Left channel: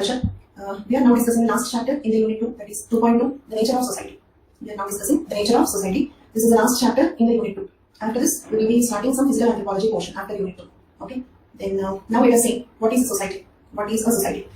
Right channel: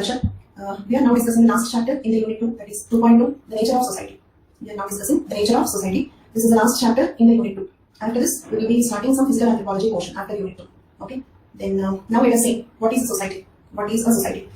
We are now discussing the last chapter in the unit 2, that is 2.2, the nature of society. We are now discussing the nature of society. This is the last chapter in the unit 2. After this, we will be starting some physical anthropology portion after unit 2. Okay. Then now let us see what is a society. What is a society?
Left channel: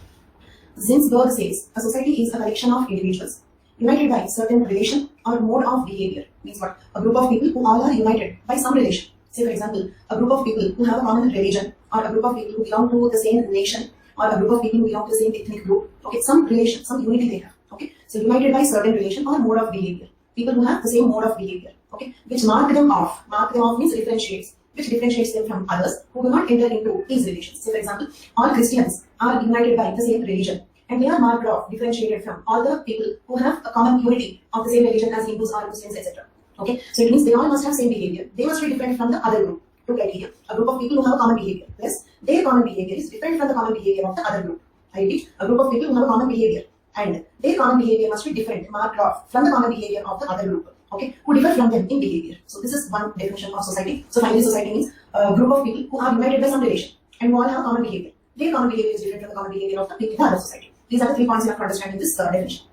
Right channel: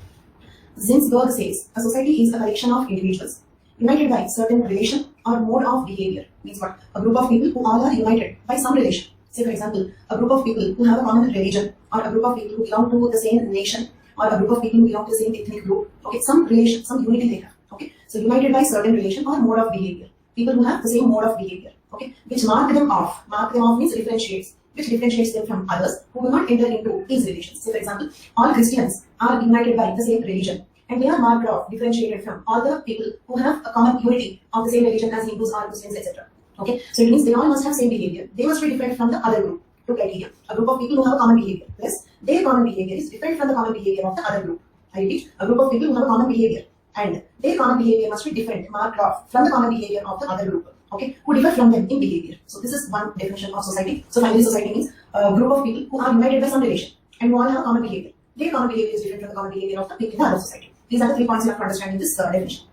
Zinsberg says a society is a collection of individuals united by certain relation or mode of behavior. Means what? A group of people who all are united by some relation. Say for example, a group of people who have a common religion, or a group of people who belong to the same nation, or a group of people who belong to the same ethnic group. Okay, some relation, some unity they have. Okay, so united by certain relation or mode of behavior. People who have the same mode of behavior. Okay, which mark them off. Mark them off means differentiates. Which differentiates them from others who do not enter into these relations. Say for example, all Christians are united by the same religion, and they are marked off, differentiated from all the people who have a common unity of the same religion as Hindus or Muslims, etc. Okay, so it means they all must have same behavior. They must be different from the other group. Two criteria: a group of people who have a common behavior, plus their common behavior is different from the common behavior of the other group. I repeat, a group of people who have a common behavior, and their common behavior must be different, marked off from the common behavior of the other group. Okay, who differ from them in behavior. So this is one definition of society. So finally, society means a group of people who are united by some relation and who all have common behavior. Their common behavior is different from the common behavior of the people in the other society. These are the 3 points you have to understand in this definition.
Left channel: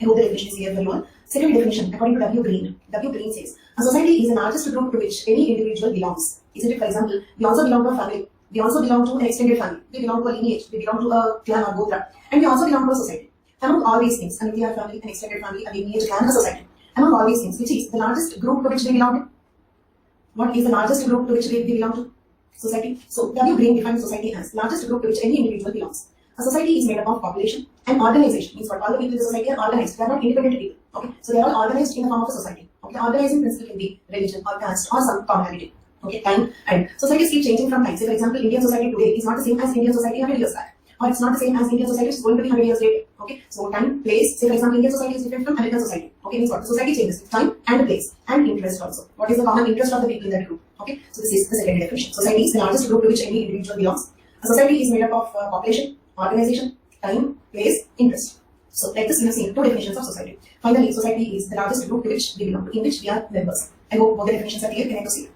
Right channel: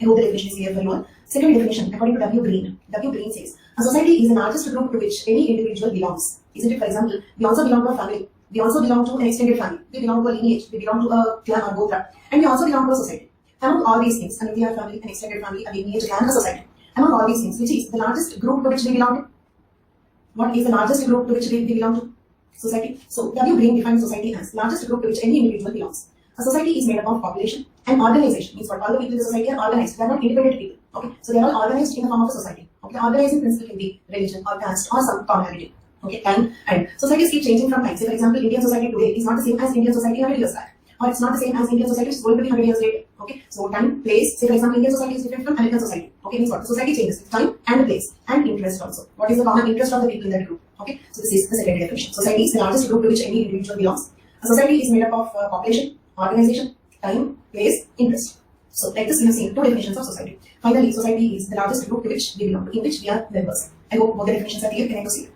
I hope the definition is clear for you all. Second definition, according to W. Green. W. Green says a society is an largest group to which any individual belongs. Isn't it? For example, we also belong to a family. We also belong to an extended family. We belong to a lineage. We belong to a clan or gotra. And we also belong to a society. Among all these things, a nuclear family, an extended family, a lineage, clan, a society. Among all these things, which is the largest group to which we belong to? What is the largest group to which we belong to? Society. So W. Green defines society as largest group to which any individual belongs. A society is made up of population and organization. Means what? All the people in the society are organized. They are not independent people. Okay. So they are all organized in the form of a society. Okay. The organizing principle can be religion or caste or some commonality. Okay. Time and societies keep changing from time. Say for example, Indian society today is not the same as Indian society 100 years back. Or it's not the same as Indian society is going to be 100 years later. Okay. So time, place. Say for example, Indian society is different from American society. Okay. Means what? The society changes with time and place and interest also. What is the common interest of the people in that group? Okay. So this is the second definition. Society is the largest group to which any individual belongs. A society is made up of population, organization, time, place, interest. So like this, you have seen 2 definitions of society. Finally, society is the largest group to which we belong to, in which we are members. I hope both the definitions are clear. Can I proceed?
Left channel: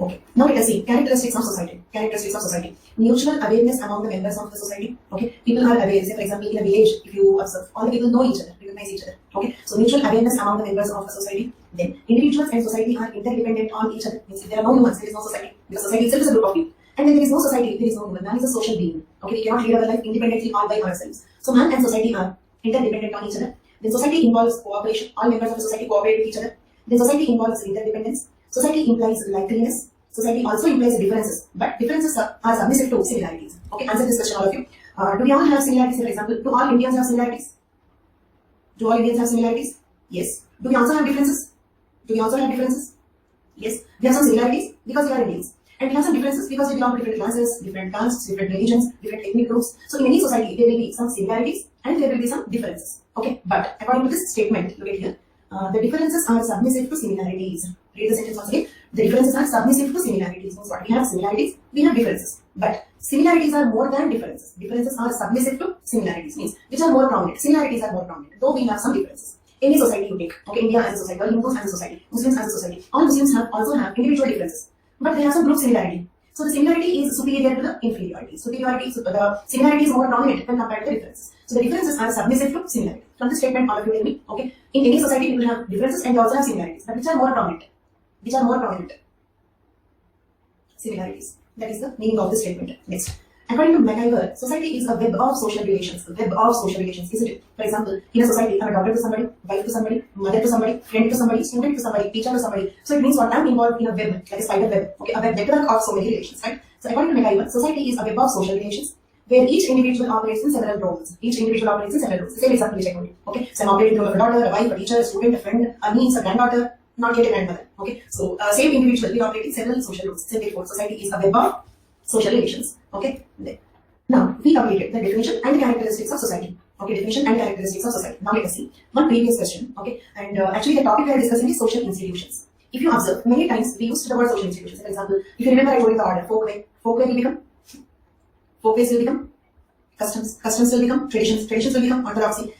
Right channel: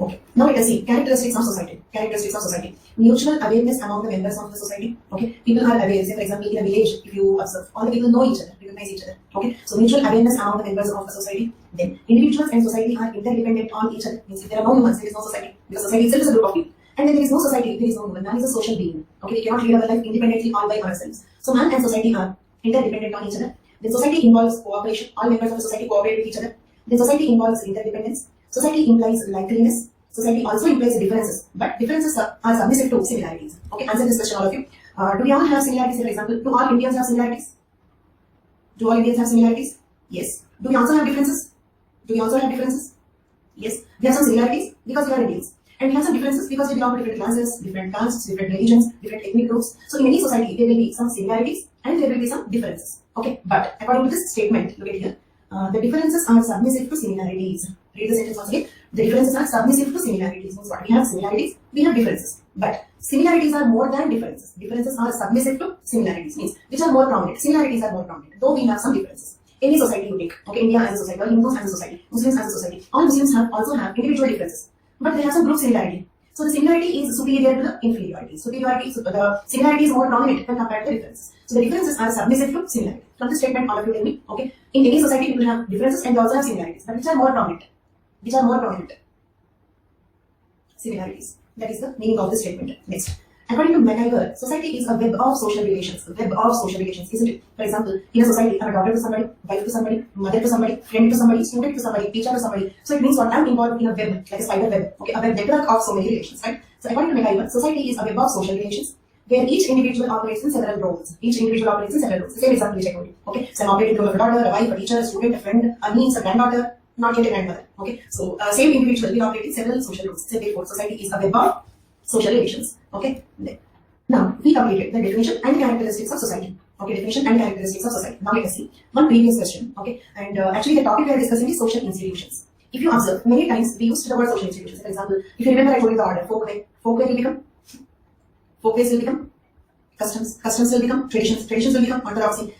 Okay. Now let us see characteristics of society. Characteristics of society. Mutual awareness among the members of the society. Okay. People are aware. Say for example, in a village, if you observe, all the people know each other, recognize each other. Okay. So mutual awareness among the members of the society. Then individuals and society are interdependent on each other. Means if there are no humans, there is no society. Because society itself is a group of people. And when there is no society, there is no human. Man is a social being. Okay, we cannot lead our life independently all by ourselves. So man and society are interdependent on each other. Then society involves cooperation. All members of the society cooperate with each other. Then society involves interdependence. Society implies likeliness. Society also implies differences. But differences are submissive to similarities. Okay, answer this question all of you. Do we all have similarities? For example, do all Indians have similarities? Do all Indians have similarities? Yes. Do we also have differences? Do we also have differences? Yes. We have some similarities because we are Indians. And we have some differences because we belong to different classes, different castes, different religions, different ethnic groups. So in any society, there will be some similarities and there will be some differences. Okay, but according to this statement, look at here, the differences are submissive to similarities. Read the sentence once again. The differences are submissive to similarities. Means what? We have similarities, we have differences. But similarities are more than differences. Differences are submissive to similarities. Means which are more prominent. Similarities are more prominent, though we have some differences. Any society you take, okay, India as a society, or Hindus as a society, Muslims as a society, all Muslims also have individual differences. But they have some group similarity. So the similarity is superior to the inferiority. The similarity is more prominent when compared to the differences. So the differences are submissive to similarity. From this statement, all of you tell me, okay, in any society people have differences and they also have similarities. But which are more prominent? Which are more prominent? Similarities. That is the meaning of the statement. Next. According to MacIver, society is a web of social relations. A web of social relations, isn't it? For example, in a society, I'm a daughter to somebody, wife to somebody, mother to somebody, friend to somebody, student to somebody, teacher to somebody. So it means what? I'm involved in a web, like a spider web. Okay, a web network of so many relations, right? So according to MacIver, society is a web of social relations where each individual operates in several roles. Each individual operates in several roles. The same example which I told you. Okay, so I'm operating the role of a daughter, a wife, a teacher, a student, a friend, a niece, a granddaughter, not yet a grandmother. Okay, so same individual will operate in several social roles. So therefore, society is a web of social relations. Okay. Now, we completed the definition and the characteristics of society. Okay, definition and characteristics of society. Now let us see one previous question. Okay, and actually the topic we are discussing is social institutions. If you observe, many times we used the word social institutions. For example, if you remember I told you the order, folkway will become, folkways will become customs will become traditions will become orthodoxy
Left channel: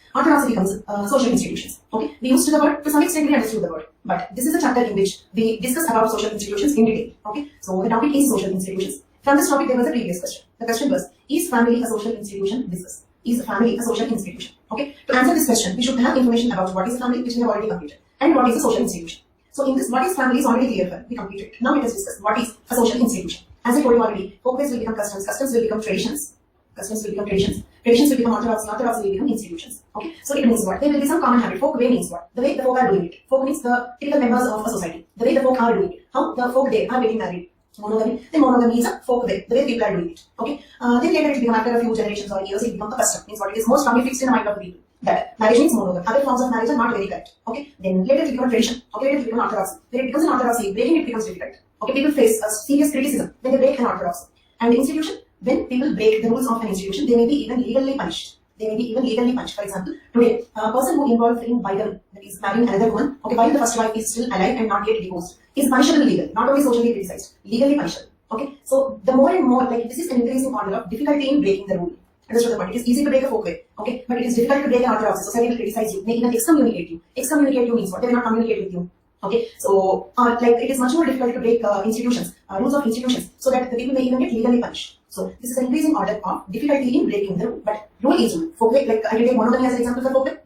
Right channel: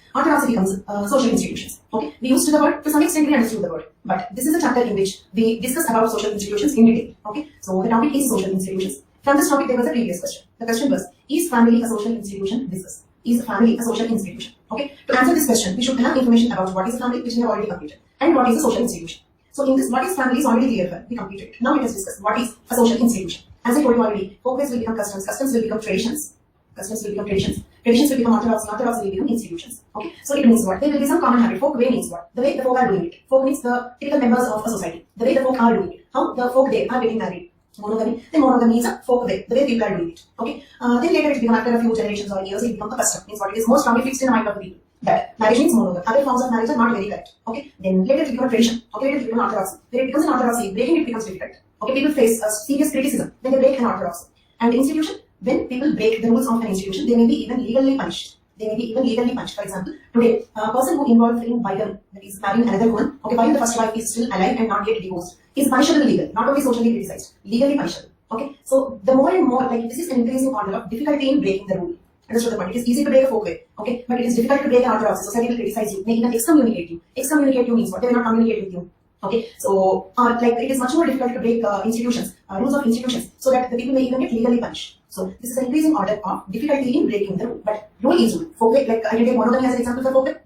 becomes social institutions. Okay, we used the word, to some extent we understood the word, but this is a chapter in which we discuss about social institutions in detail. Okay, so the topic is social institutions. From this topic there was a previous question. The question was, Is family a social institution? Discuss. Is family a social institution? Okay. To answer this question, we should have information about what is a family, which we have already completed, and what is a social institution. So in this, what is family is already clear for we completed. Now let us discuss what is a social institution. As I told you already, folk-ways will become customs, customs will become traditions, customs will become traditions, traditions will become orthodox, orthodox will become institutions. Okay. So it means what? There will be some common habit. Folk way means what? The way the folk are doing it. Folk means the typical members of a society. The way the folk are doing it. How the folk there are getting married. Monogamy. Then monogamy is a folk way, the way people are doing it. Okay. Then later it becomes after a few generations or years, it becomes a custom. Means what? It is more strongly fixed in the mind of the people. That marriage means monogamy. Other forms of marriage are not very correct. Okay. Then later it becomes a tradition. Okay. Later it becomes orthodoxy. When it becomes an orthodoxy, breaking it becomes difficult. Okay. People face a serious criticism when they break an orthodoxy. And institution, when people break the rules of an institution, they may be even legally punished. They may be even legally punished. For example, today, a person who involved in bigamy, that is marrying another woman, okay, while the first wife is still alive and not yet divorced, is punishable legally, not only socially criticized, legally punishable. Okay, so the more and more, like this is an increasing order of difficulty in breaking the rule. Understood the point? It is easy to break a folk way, okay, but it is difficult to break an orthodoxy. Society will criticize you, may even excommunicate you. Excommunicate you means what? They will not communicate with you. Okay, so like it is much more difficult to break institutions, rules of institutions, so that the people may even get legally punished. So this is an increasing order of difficulty in breaking the rule. But rule is rule. Folk way, like I can take monogamy as an example for folk way.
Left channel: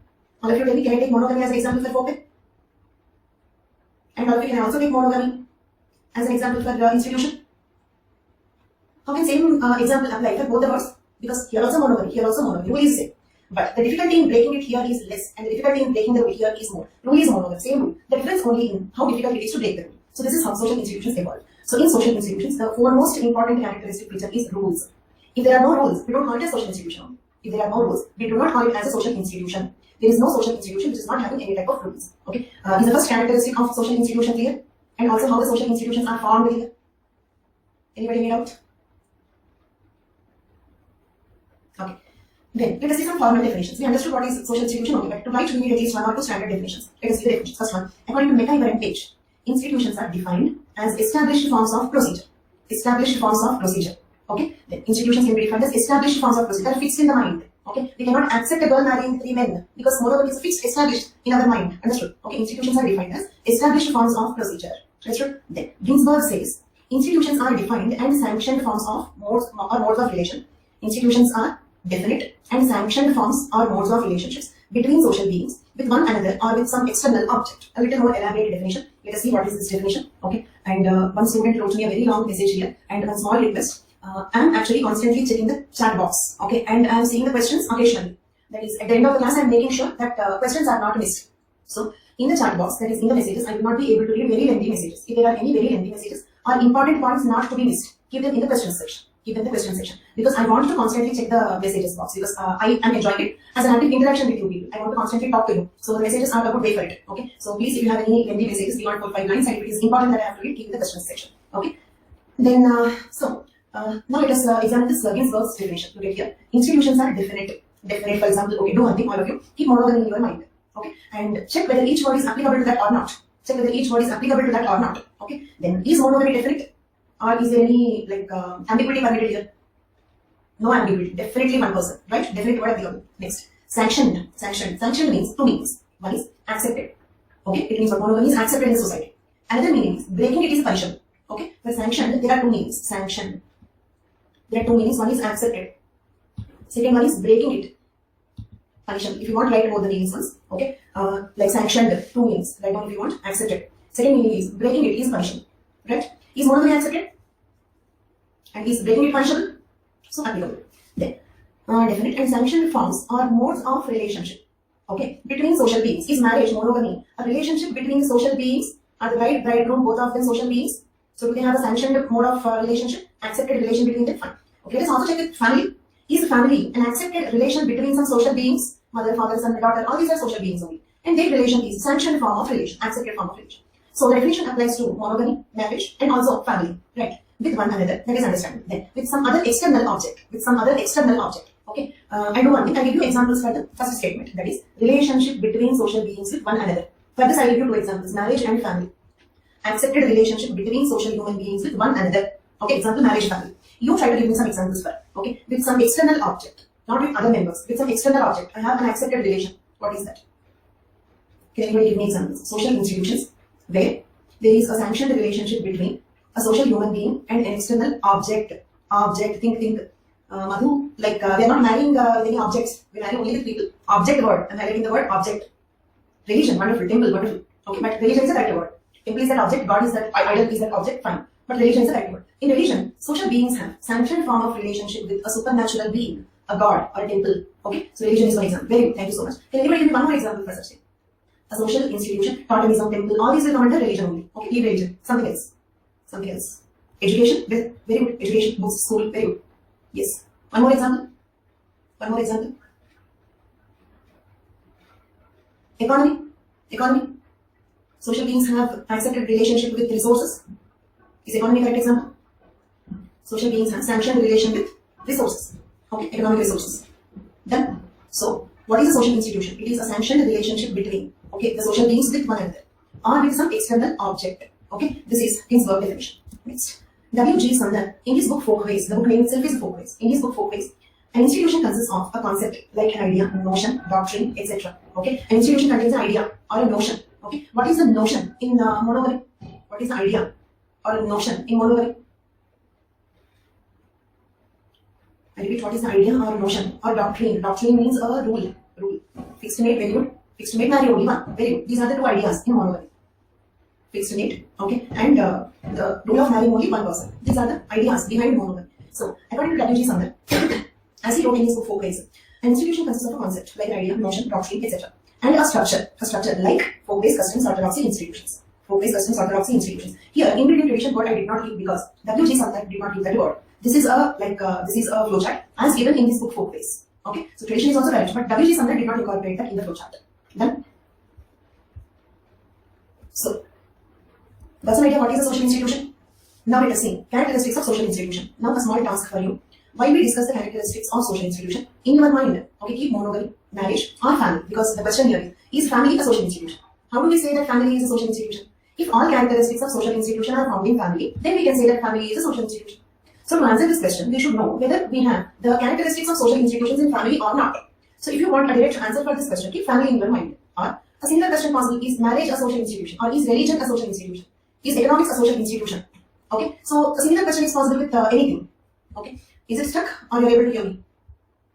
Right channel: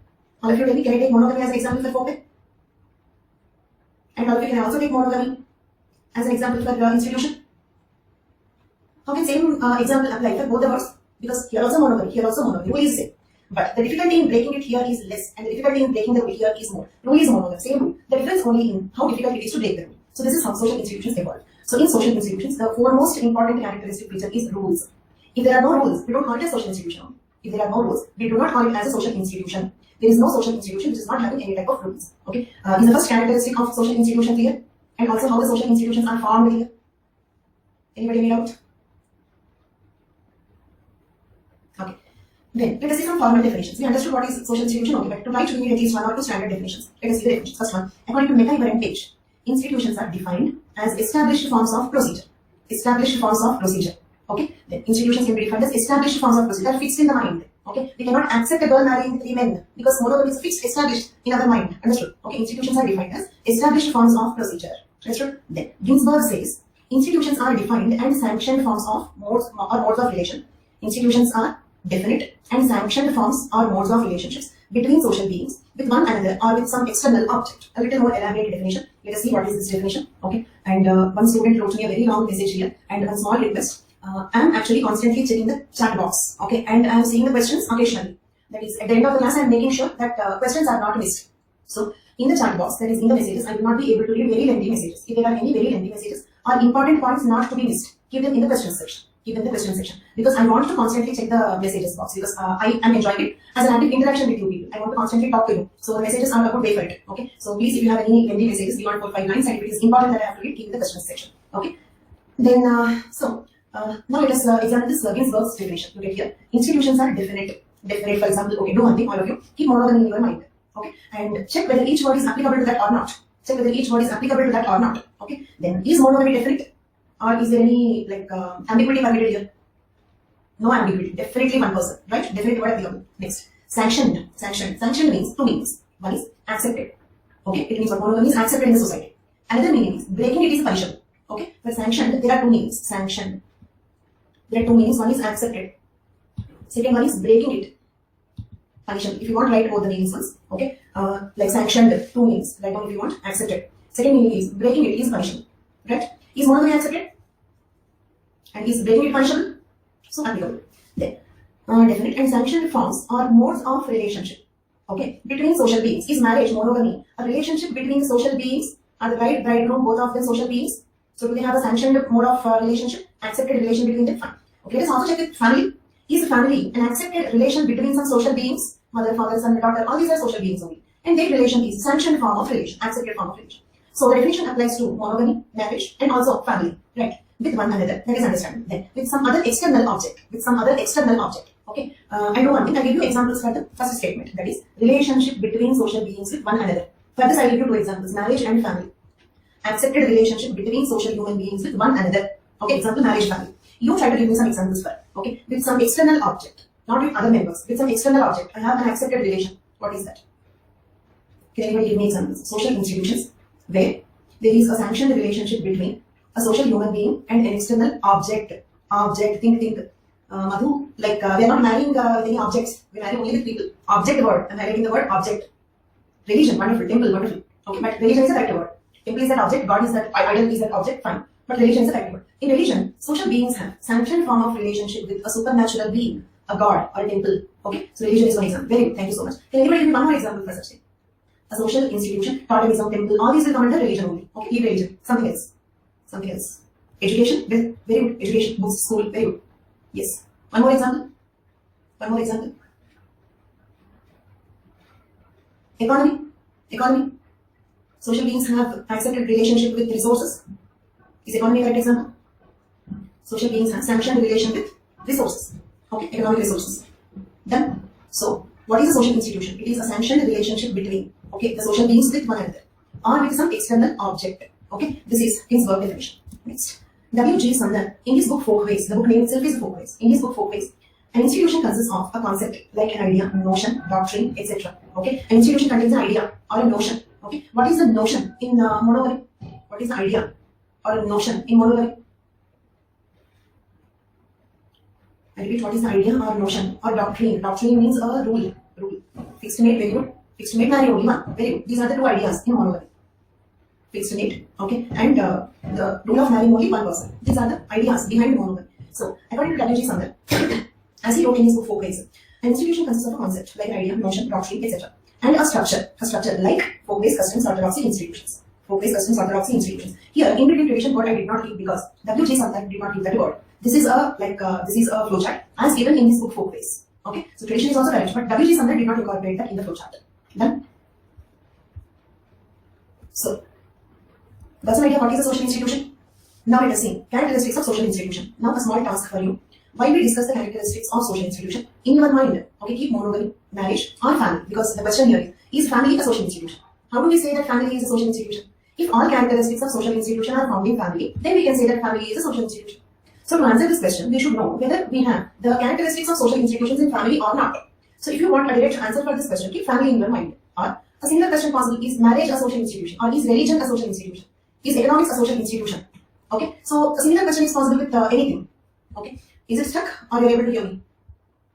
All of you tell me, can I take monogamy as an example for folk way? And all of you can also take monogamy as an example for institution. How can same example apply for both the words? Because here also monogamy, here also monogamy. Rule is same. But the difficulty in breaking it here is less, and the difficulty in breaking the rule here is more. Rule is monogamy, same rule. The difference only in how difficult it is to break the rule. So this is how social institutions evolve. So in social institutions, the foremost important characteristic feature is rules. If there are no rules, we don't call it a social institution. If there are no rules, we do not call it as a social institution. There is no social institution which is not having any type of rules. Okay. Is the first characteristic of social institution clear? And also how the social institutions are formed here? Anybody need out? Okay. Then let us see some formal definitions. We understood what is social institution, okay, but to write we need at least 1 or 2 standard definitions. Let us see the definitions. First one, according to McIver and Page, institutions are defined as established forms of procedure. Established forms of procedure. Okay. Then institutions can be defined as established forms of procedure fixed in the mind. Okay. We cannot accept a girl marrying 3 men because monogamy is fixed, established in our mind. Understood? Okay. Institutions are defined as established forms of procedure. Understood? Then Ginsburg says institutions are defined and sanctioned forms of modes of relation. Institutions are definite and sanctioned forms or modes of relationships between social beings with one another or with some external object. A little more elaborate definition. Let us see what is this definition. Okay. And one student wrote me a very long message here and one small request. I am actually constantly checking the chat box. Okay. And I am seeing the questions occasionally. That is, at the end of the class, I am making sure that questions are not missed. So in the chat box, that is in the messages, I will not be able to read very lengthy messages. If there are any very lengthy messages or important points not to be missed, keep them in the question section. Keep them in the question section, because I want to constantly check the messages box, because I am enjoying it as an active interaction with you people. I want to constantly talk to you. So the messages are a good way for it. Okay. So please, if you have any lengthy messages beyond 4, 5 lines, and if it is important that I have to read, keep in the question section. Okay. Then now let us examine this Ginsburg's definition. Look at here. Institutions are definite. Definite, for example. Okay. Do one thing, all of you. Keep monogamy in your mind. Okay. And check whether each word is applicable to that or not. Check whether each word is applicable to that or not. Okay. Then is monogamy definite? Or is there any ambiguity permitted here? No ambiguity. Definitely one person, right? Definite word applicable. Next, sanctioned. Sanctioned means 2 meanings. One is accepted. Okay, it means what monogamy is accepted in the society. Another meaning is breaking it is punishable. Okay, for sanctioned there are 2 meanings. Sanctioned. There are 2 meanings. One is accepted. Second one is breaking it. Punishable. If you want, write both the meanings once. Okay, like sanctioned 2 meanings. Write down if you want. Accepted. Second meaning is breaking it is punishable. Right? Is monogamy accepted? And is breaking it punishable? So applicable. Then, definite and sanctioned forms are modes of relationship. Okay, between social beings. Is marriage, monogamy, a relationship between the social beings? Are the bride, bridegroom, both of them social beings? So do they have a sanctioned mode of relationship? Accepted relation between them? Fine. Okay, let's also check with family. Is family an accepted relation between some social beings? Mother, father, son, daughter, all these are social beings only. And their relation is sanctioned form of relation, accepted form of relation. So the definition applies to monogamy, marriage, and also family, right? With one another, that is understanding. Then with some other external object, Okay, I do one thing. I give you examples for the first statement. That is relationship between social beings with one another. For this, I will give you 2 examples: marriage and family. Accepted relationship between social human beings with one another. Okay, example marriage, family. You try to give me some examples for. Okay, with some external object, not with other members. With some external object, I have an accepted relation. What is that? Can anybody give me examples? Social institutions where there is a sanctioned relationship between a social human being and an external object. Think. Madhu, like we are not marrying with any objects. We marry only with people. Object word. I'm highlighting the word object. Religion, wonderful. Temple, wonderful. Okay, but religion is a correct word. Temple is that object. God is that idol is that object. Fine. But religion is a correct word. In religion, social beings have sanctioned form of relationship with a supernatural being, a god or a temple. Okay, so religion is one example. Very good. Thank you so much. Can anybody give me one more example for such thing? A social institution, totemism, temple, all these will come under religion only. Okay, leave religion. Something else. Something else. Education, very good. Education, books, school, very good. Yes. One more example. One more example. Economy. Economy. Social beings have accepted relationship with resources. Is economy a correct example? Social beings have sanctioned relation with resources. Okay, economic resources. Done. So, what is a social institution? It is a sanctioned relationship between, okay, the social beings with one another or with some external object. Okay, this is Ginsberg definition. Next. W.G. Sumner, in his book Folkways, the book name itself is Folkways. In his book Folkways, an institution consists of a concept like an idea, notion, doctrine, etc. Okay, an institution contains an idea or a notion. Okay, what is the notion in monopoly? What is the idea or a notion in monopoly? I repeat, what is the idea or notion or doctrine? Doctrine means a rule. Rule. Fixed mate, very good. Fixed mate, marry only one. Very good. These are the two ideas in monopoly. Fixed mate, okay, and the rule of marrying only one person. These are the ideas behind monopoly. So, according to W.G. Sumner, as he wrote in his book Folkways, an institution consists of a concept like an idea, notion, doctrine, etc. And a structure like folk-based customs, orthodoxy institutions. Folk-based customs, orthodoxy institutions. Here, ingredient revision word I did not give because W.G. Sumner did not give that word. This is a flowchart as given in this book Folkways. Okay, so tradition is also correct, but W.G. Sumner did not incorporate that in the flowchart. Done. So, that's an idea what is a social institution. Now let us see characteristics of social institution. Now a small task for you. While we discuss the characteristics of social institution, in your mind, okay, keep monogamy, marriage or family, because the question here is family a social institution? How do we say that family is a social institution? If all characteristics of social institution are found in family, then we can say that family is a social institution. So to answer this question, we should know whether we have the characteristics of social institutions in family or not. So if you want a direct answer for this question, keep family in your mind. Or a similar question possible is marriage a social institution, or is religion a social institution? Is economics a social institution? Okay, so a similar question is possible with anything. Okay, is it stuck or you're able to hear me?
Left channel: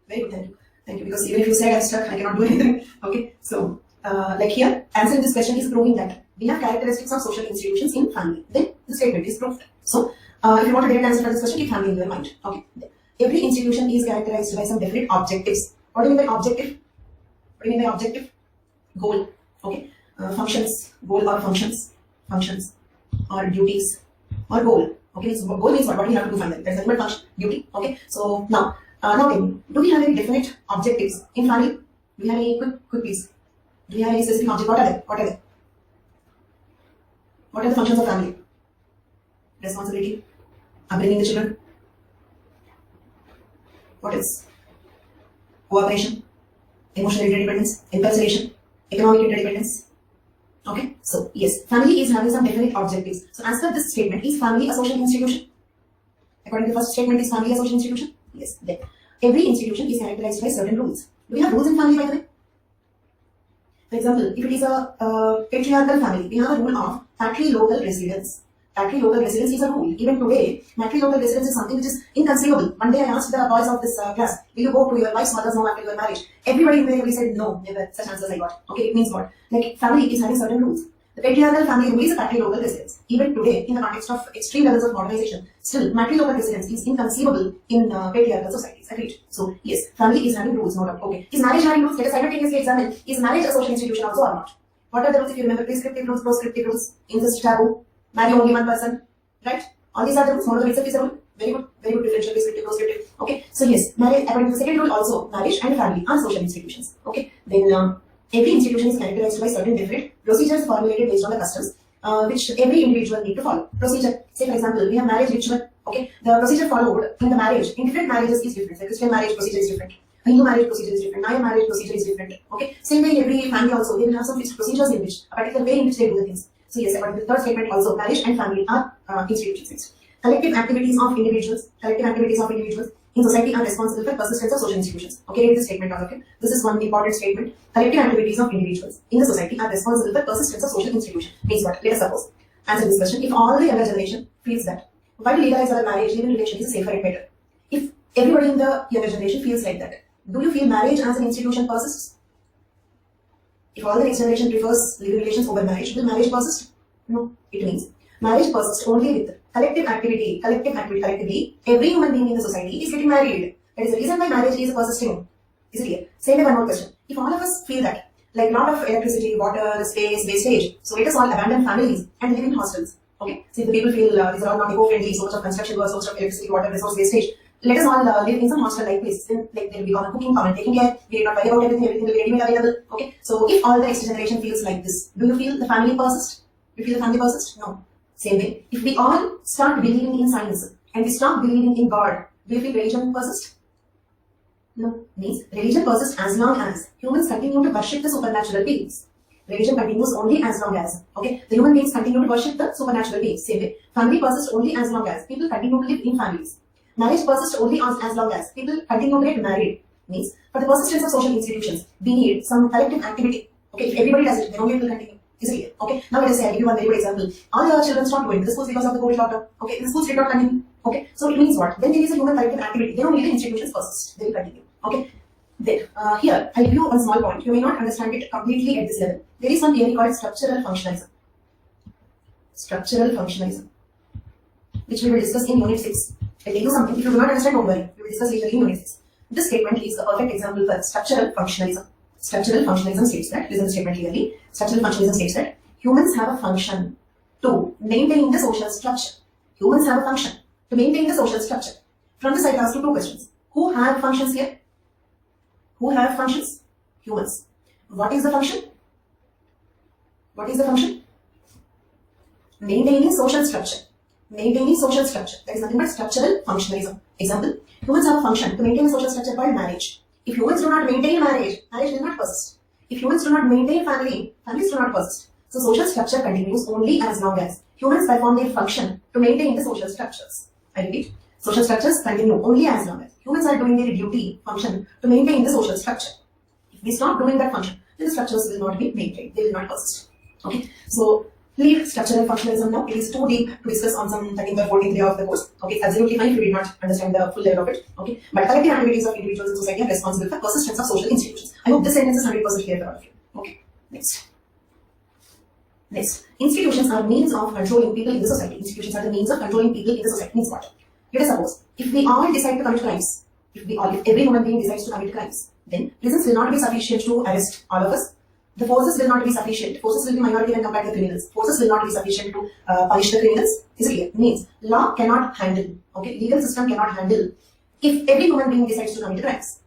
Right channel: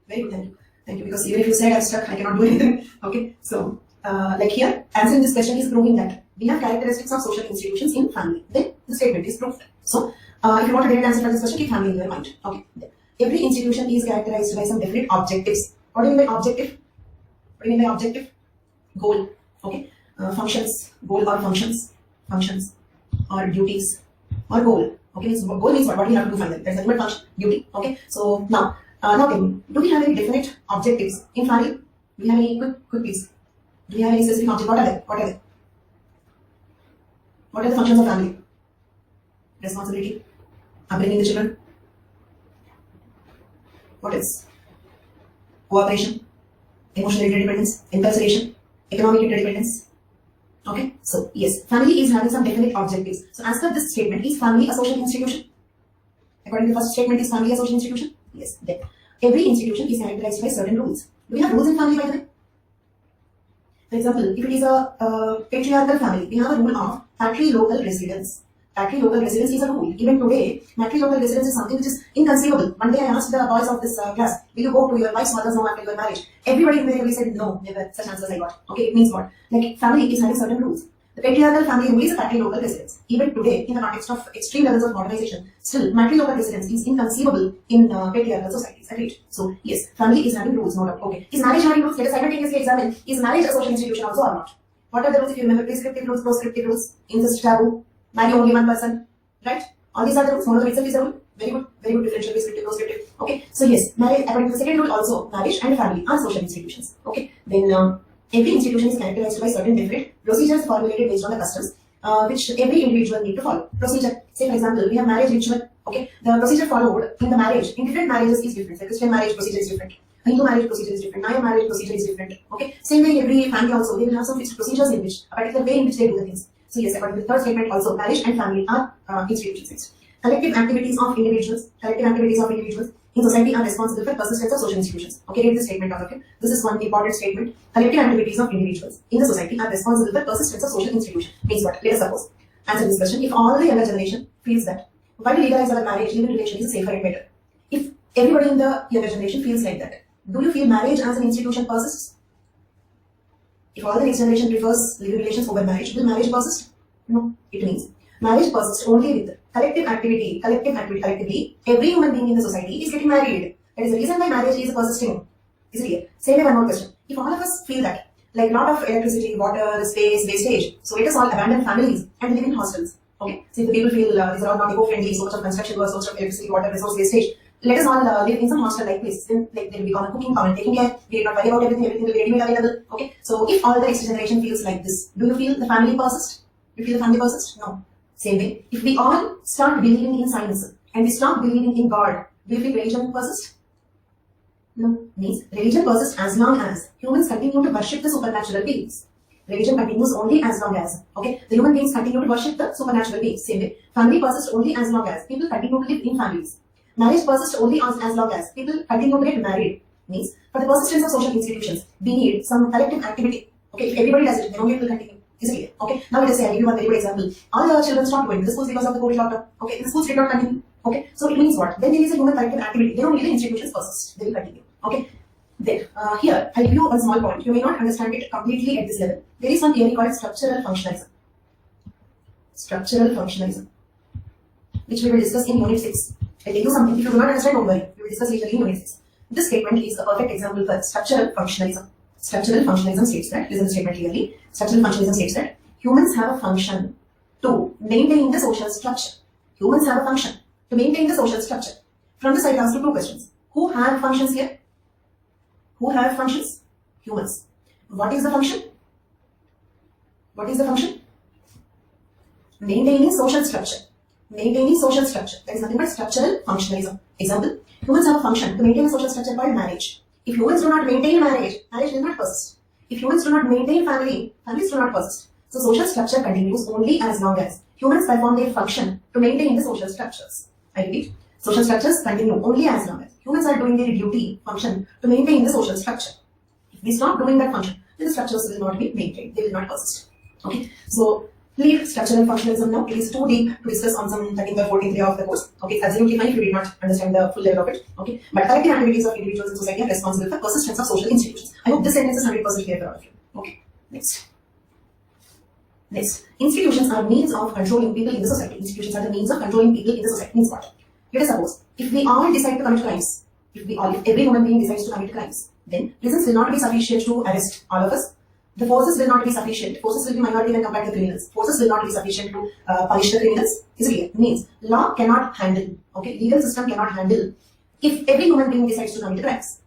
Very good, thank you. Thank you, because even if you said I'm stuck, I cannot do anything. Okay, so like here, answering this question is proving that we have characteristics of social institutions in family. Then the statement is proved. So if you want a direct answer for this question, keep family in your mind. Okay, every institution is characterized by some definite objectives. What do you mean by objective? What do you mean by objective? Goal. Okay, functions, goal or functions, or duties, or goal. Okay, so goal means what we have to do finally. That's the ultimate function, duty. Okay, so now tell me, do we have any definite objectives in family? Do we have any quick piece? Do we have any specific object? What are they? What are they? What are the functions of family? Responsibility, upbringing the children. What else? Cooperation, emotional interdependence, incarceration, economic interdependence. Okay, so yes, family is having some definite objectives. So as per this statement, is family a social institution? According to the first statement, is family a social institution? Yes. Then every institution is characterized by certain rules. Do we have rules in family, by the way? For example, if it is a patriarchal family, we have a rule of patrilocal residence. Patrilocal residence is a rule. Even today, matrilocal residence is something which is inconceivable. One day I asked the boys of this class, will you go to your wife's mother's home after your marriage? Everybody invariably said no, never. Such answers I got. Okay, it means what? Like family is having certain rules. The patriarchal family rule is a patrilocal residence. Even today, in the context of extreme levels of modernization, still matrilocal residence is inconceivable in patriarchal societies. Agreed? So yes, family is having rules, no doubt. Okay. Is marriage having rules? Let us simultaneously examine. Is marriage a social institution also or not? What are the rules if you remember? Prescriptive rules, proscriptive rules, incest, taboo, marry only one person, right? All these are the rules. Monogamy itself is a rule. Very good differential, prescriptive, proscriptive. Okay. So yes, marriage, according to the second rule also, marriage and family are social institutions. Okay. Then every institution is characterized by certain definite procedures formulated based on the customs which every individual need to follow. Procedure, say for example, we have marriage ritual. Okay, the procedure followed in the marriage in different marriages is different. The Christian marriage procedure is different. A Hindu marriage procedure is different. Naya marriage procedure is different. Okay, same way every family also they will have some fixed procedures in which a particular way in which they do the things. So yes, according to the third statement also, marriage and family are institutions. Collective activities of individuals in society are responsible for persistence of social institutions. Okay, read this statement out of it. This is one important statement. Collective activities of individuals in the society are responsible for persistence of social institutions. Means what? Let us suppose, answer this question. If all the younger generation feels that while we legalize our marriage, living relation is safer and better. If Everybody in the younger generation feels like that. Do you feel marriage as an institution persists? If all the next generation prefers living relations over marriage, will marriage persist? No. It means marriage persists only with collective activity. Collectively, every human being in the society is getting married. That is the reason why marriage is persisting. Is it clear? Same way, one more question. If all of us feel that, like lot of electricity, water, space, wastage, so let us all abandon families and live in hostels. Okay? So if the people feel these are all not eco-friendly, so much of construction work, so much of electricity, water, resource wastage, let us all live in some hostel-like place. Then, like there will be common cooking, common taking care. We did not worry about everything will be ready-made available. Okay? So if all the next generation feels like this, do you feel the family persist? You feel the family persist? No. Same way, if we all start believing in science and we stop believing in God, do you feel religion persist? No. Means religion persists as long as humans continue to worship the supernatural beings. Religion continues only as long as, okay, the human beings continue to worship the supernatural beings. Same way, family persists only as long as people continue to live in families. Marriage persists only as long as people continue to get married. Means for the persistence of social institutions, we need some collective activity. Okay, if everybody does it, then only it will continue. Is it clear? Okay, now let us say I give you one very good example. All the children stopped going to the schools because of the COVID lockdown. Okay, the schools did not continue. Okay, so it means what? When there is a human collective activity, then only the institutions persist. They will continue. Okay, then here I'll give you one small point. You may not understand it completely at this level. There is one theory called structural functionalism. Structural functionalism, which we will discuss in Unit 6. I'll tell you something. If you do not understand, don't worry. We will discuss later in Unit 6. This statement is a perfect example for structural functionalism. Structural functionalism states that, listen to the statement clearly, structural functionalism states that humans have a function to maintain the social structure. Humans have a function to maintain the social structure. From this I will ask you two questions. Who have functions here? Who have functions? Humans. What is the function? What is the function? Maintaining social structure. Maintaining social structure. That is nothing but structural functionalism. Example, humans have a function to maintain a social structure called marriage. If humans do not maintain marriage, marriage will not persist. If humans do not maintain family, families do not persist. So social structure continues only as long as humans perform their function to maintain the social structures. I repeat, social structures continue only as long as humans are doing their duty, function to maintain the social structure. If we stop doing that function, then the structures will not be maintained. They will not persist. Okay, so leave structural functionalism now. It is too deep to discuss on some 13th or 14th day of the course. Okay, it's absolutely fine if you did not understand the full level of it. Okay, but collective activities of individuals in society are responsible for persistence of social institutions. I hope this sentence is 100% clear for all of you. Okay, next. Next, institutions are means of controlling people in the society. Institutions are the means of controlling people in the society. Means what? Let us suppose, if we all decide to commit crimes, if every human being decides to commit crimes, then prisons will not be sufficient to arrest all of us. The forces will not be sufficient. Forces will be minority when compared to criminals. Forces will not be sufficient to punish the criminals. Is it clear? Means law cannot handle. Okay, legal system cannot handle if every human being decides to commit crimes.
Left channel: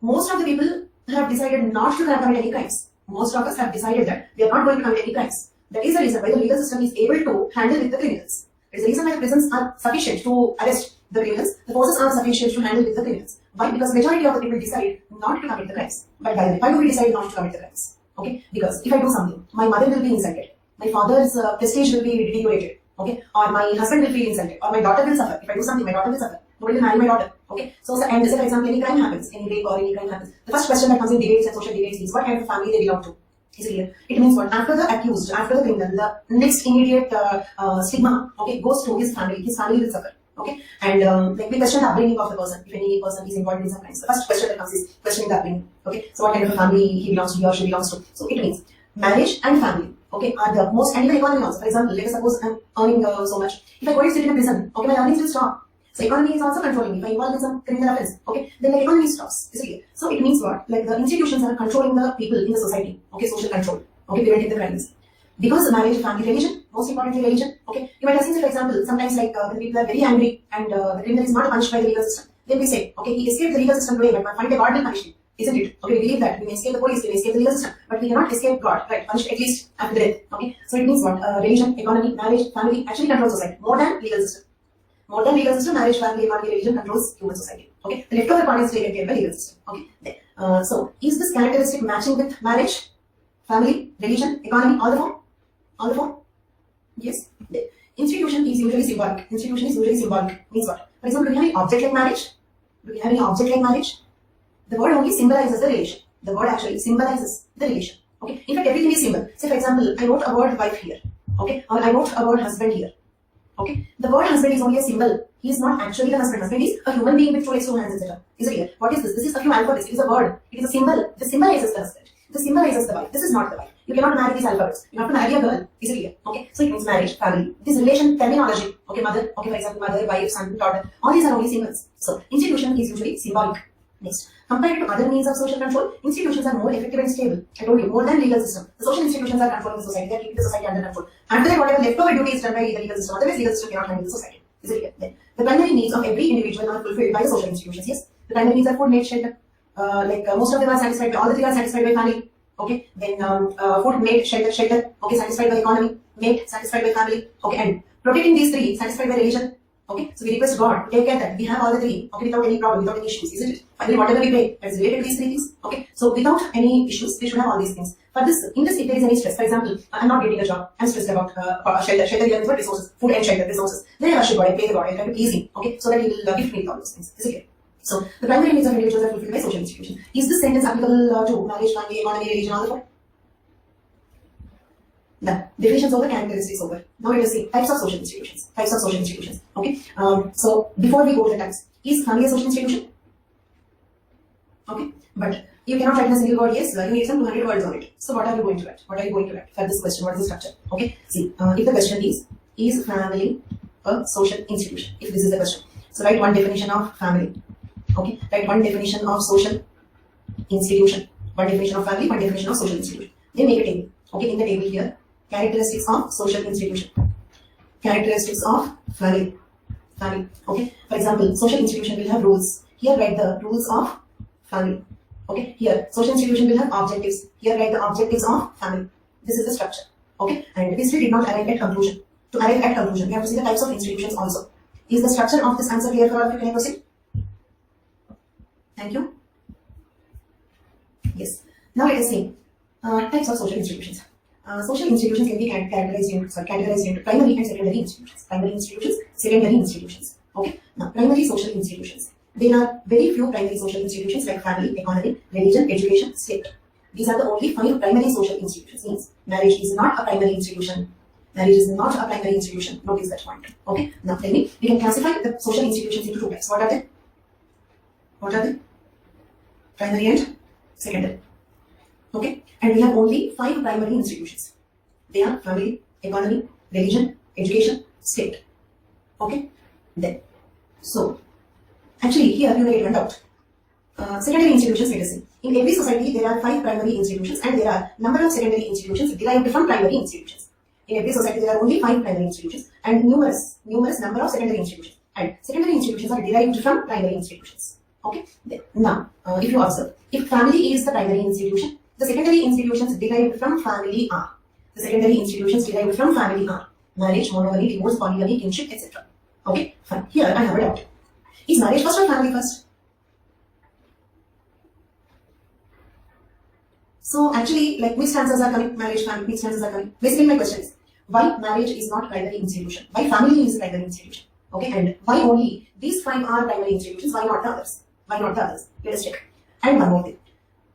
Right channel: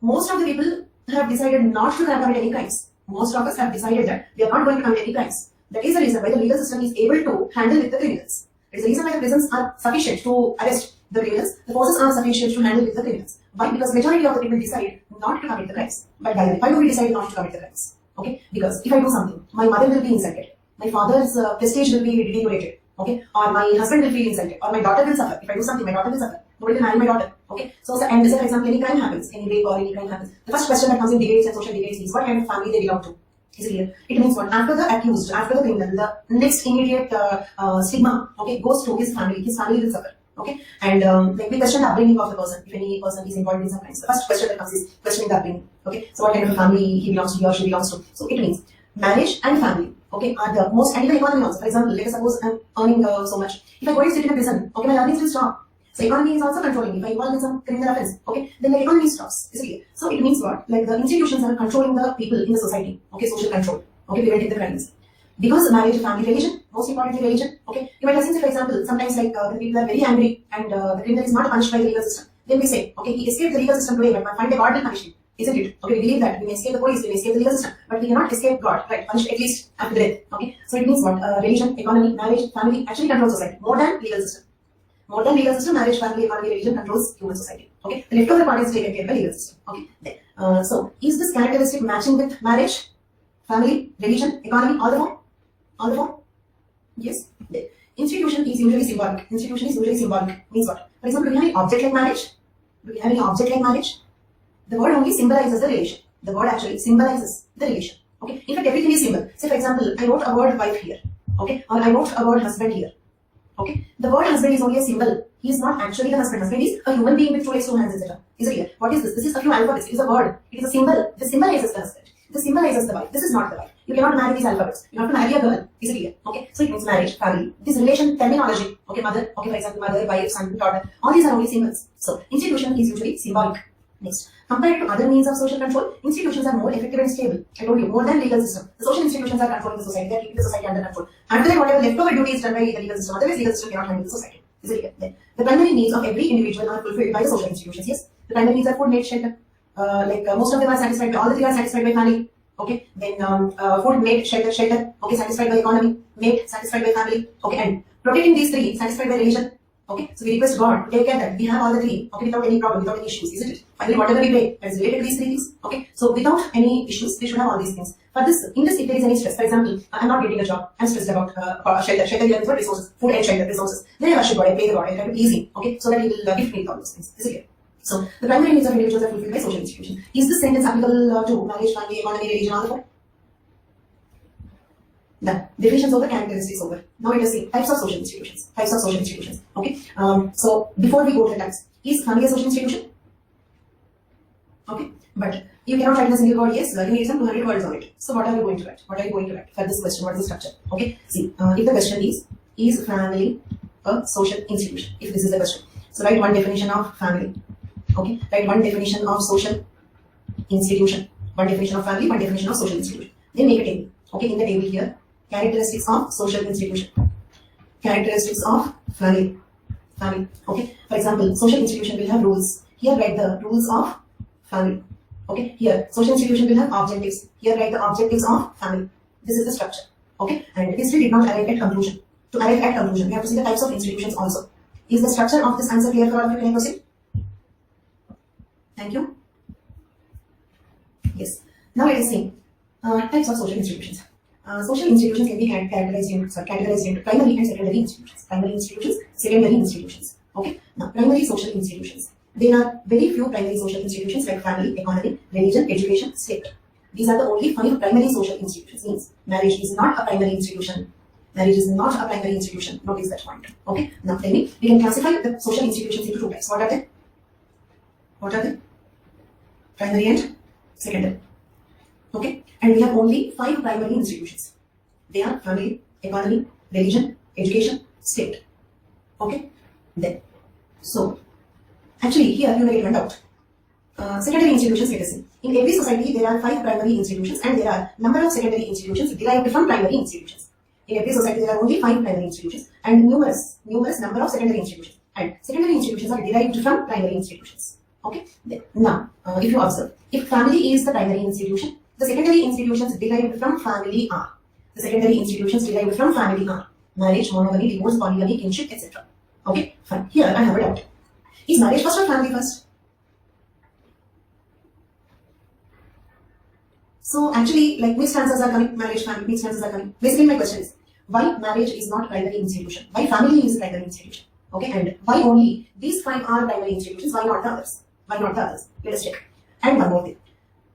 Most of the people have decided not to commit any crimes. Most of us have decided that we are not going to commit any crimes. That is the reason why the legal system is able to handle with the criminals. It is the reason why the prisons are sufficient to arrest the criminals. The forces are sufficient to handle with the criminals. Why? Because majority of the people decide not to commit the crimes. But by the way, why do we decide not to commit the crimes? Okay, because if I do something, my mother will be insulted, my father's prestige will be deteriorated, okay, or my husband will feel insulted, or my daughter will suffer. If I do something, my daughter will suffer. Nobody will marry my daughter. Okay, so and say for example, any crime happens, any rape or any crime happens. The first question that comes in debates and social debates is what kind of family they belong to. Is it clear? It means what? After the accused, after the criminal, the next immediate stigma, okay, goes to his family. His family will suffer. Okay, and like we question the upbringing of the person. If any person is involved in some crimes, the first question that comes is questioning the upbringing. Okay, so what kind of a family he belongs to, he or she belongs to. So it means marriage and family, okay, are the most, and even economy also. For example, let us suppose I'm earning so much. If I go and sit in a prison, okay, my earnings will stop. So economy is also controlling me. If I involve in some criminal offense, okay, then the economy stops. You see? So it means what? Like the institutions are controlling the people in the society. Okay, social control. Okay, preventing the crimes. Because marriage, family, religion, most importantly religion. Okay, you might have seen, for example, sometimes like the people are very angry and the criminal is not punished by the legal system. Then we say, okay, he escaped the legal system today, but find a God will punish him. Isn't it? Okay, we believe that we may escape the police, we may escape the legal system, but we cannot escape God, right? Punished at least after death. Okay, so it means what? Religion, economy, marriage, family actually control society more than legal system. More than legal system, marriage, family, economy, religion controls human society. Okay, the leftover part is taken care by legal system. Okay, then, so is this characteristic matching with marriage, family, religion, economy, all the four? All the four? Yes. Then, institution is usually symbolic. Institution is usually symbolic. Means what? For example, do we have any object like marriage? Do we have any object like marriage? The word only symbolizes the relation. The word actually symbolizes the relation. Okay. In fact, everything is symbol. Say for example, I wrote a word wife here. Okay. Or I wrote a word husband here. Okay. The word husband is only a symbol. He is not actually the husband. Husband is a human being with two legs, two hands, etc. Is it clear? What is this? This is a few alphabets. It is a word. It is a symbol. This symbolizes the husband. This symbolizes the wife. This is not the wife. You cannot marry these alphabets. You have to marry a girl. Is it clear? Okay. So it means marriage, family. This relation terminology. Okay, mother. Okay, for example, mother, wife, son, daughter. All these are only symbols. So institution is usually symbolic. Next, compared to other means of social control, institutions are more effective and stable. I told you, more than legal system. The social institutions are controlling the society. They are keeping the society under control. After that, whatever leftover duty is done by the legal system. Otherwise, legal system cannot handle the society. Is it clear? Then, the primary needs of every individual are fulfilled by the social institutions. Yes, the primary needs are food, mate, shelter. Most of them are satisfied by, all the three are satisfied by family. Okay, then food, mate, shelter. Okay, satisfied by economy, mate, satisfied by family. Okay, and protecting these three, satisfied by religion. Okay, so we request God to take care that we have all the three, okay, without any problem, without any issues, isn't it? Finally, whatever we pay that is related to these three things, okay, so without any issues, we should have all these things. For this, in this, if there is any stress, for example, I'm not getting a job, I'm stressed about shelter here is what resources, food and shelter resources. Then I worship God, I pray the God, I try to please Him, okay, so that He will gift me all those things. Is it clear? So the primary needs of individuals are fulfilled by social institutions. Is this sentence applicable to marriage, family, economy, religion, all the four? Done. Definitions over, characteristics over. Now let us see types of social institutions. Types of social institutions. Okay. So before we go to the types, is family a social institution? Okay. But you cannot write in a single word. Yes, you need some 200 words on it. So what are you going to write? What are you going to write for this question? What is the structure? Okay. See, if the question is family a social institution? If this is the question, so write one definition of family. Okay. Write one definition of social institution. One definition of family. One definition of social institution. Then make a table. Okay. In the table here. Characteristics of social institution. Characteristics of family. Okay. For example, social institution will have rules. Here write the rules of family. Okay. Here, social institution will have objectives. Here write the objectives of family. This is the structure. Okay. And this we did not arrive at conclusion. To arrive at conclusion, we have to see the types of institutions also. Is the structure of this answer clear for all of you? Can I proceed? Thank you. Yes. Now let us see types of social institutions. Social institutions can be categorized into primary and secondary institutions. Primary institutions, secondary institutions. Okay. Now, primary social institutions. There are very few primary social institutions like family, economy, religion, education, state. These are the only 5 primary social institutions. Means marriage is not a primary institution. Marriage is not a primary institution. Notice that point. Okay. Now, tell me, we can classify the social institutions into 2 types. What are they? What are they? Primary and secondary. Okay, and we have only 5 primary institutions. They are family, economy, religion, education, state. Okay, then. So, actually here you may get one doubt. Secondary institutions, let us see. In every society there are 5 primary institutions and there are number of secondary institutions derived from primary institutions. In every society there are only 5 primary institutions and numerous number of secondary institutions. And secondary institutions are derived from primary institutions. Okay, then. Now, if you observe, if family is the primary institution, the secondary institutions derived from family are. The secondary institutions derived from family are marriage, monogamy, divorce, polygamy, kinship, etc. Okay, fine. Here I have a doubt. Is marriage first or family first? So actually, like mixed answers are coming. Marriage, family, mixed answers are coming. Basically, my question is why marriage is not primary institution? Why family is primary institution? Okay, and why only these 5 are primary institutions? Why not the others? Why not the others? Let us check. And one more thing.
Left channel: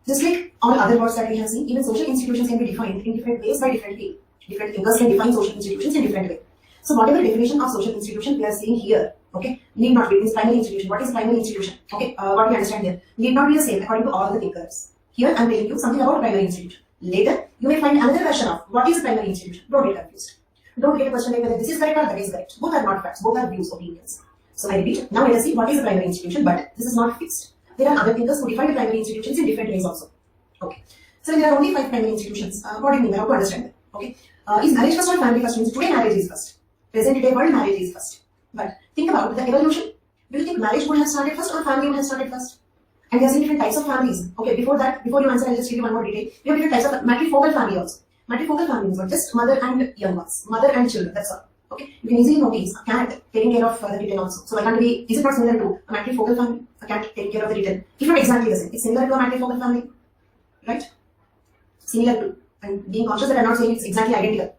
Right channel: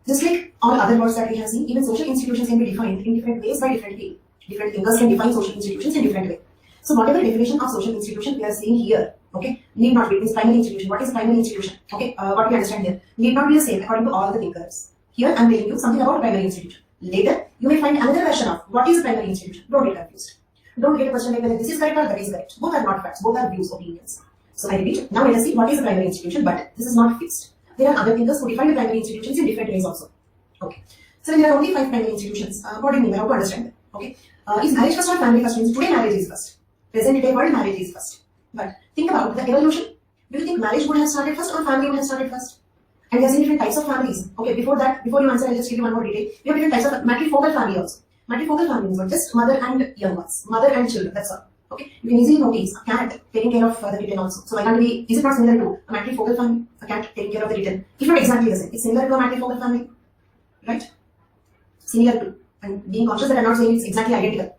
Just like all other words that we have seen, even social institutions can be defined in different ways by different people. Different thinkers can define social institutions in different ways. So whatever definition of social institution we are seeing here, okay, need not be this primary institution. What is primary institution? Okay, what we understand here need not be the same according to all the thinkers. Here I am telling you something about primary institution. Later you may find another version of what is primary institution. Don't get confused. Don't get a question like whether this is correct or that is correct. Both are not facts. Both are views, opinions. So I repeat. Now let us see what is a primary institution, but this is not fixed. There are other thinkers who define primary institutions in different ways also. Okay. So there are only 5 primary institutions. What do you mean? How to understand them? Okay. Is marriage first or family first? Means today marriage is first. Present day world marriage is first. But think about the evolution. Do you think marriage would have started first or family would have started first? And there are different types of families. Okay. Before that, before you answer, I'll just give you one more detail. We have different types of matrifocal family also. Matrifocal family means just mother and young ones, mother and children. That's all. Okay. You can easily notice a cat taking care of the kitten also. So why can't we? Is it not similar to a matrifocal family? A cat taking care of the kitten. If not exactly the same, it's similar to a matrifocal family, right? Similar to, and being conscious that I'm not saying it's exactly identical.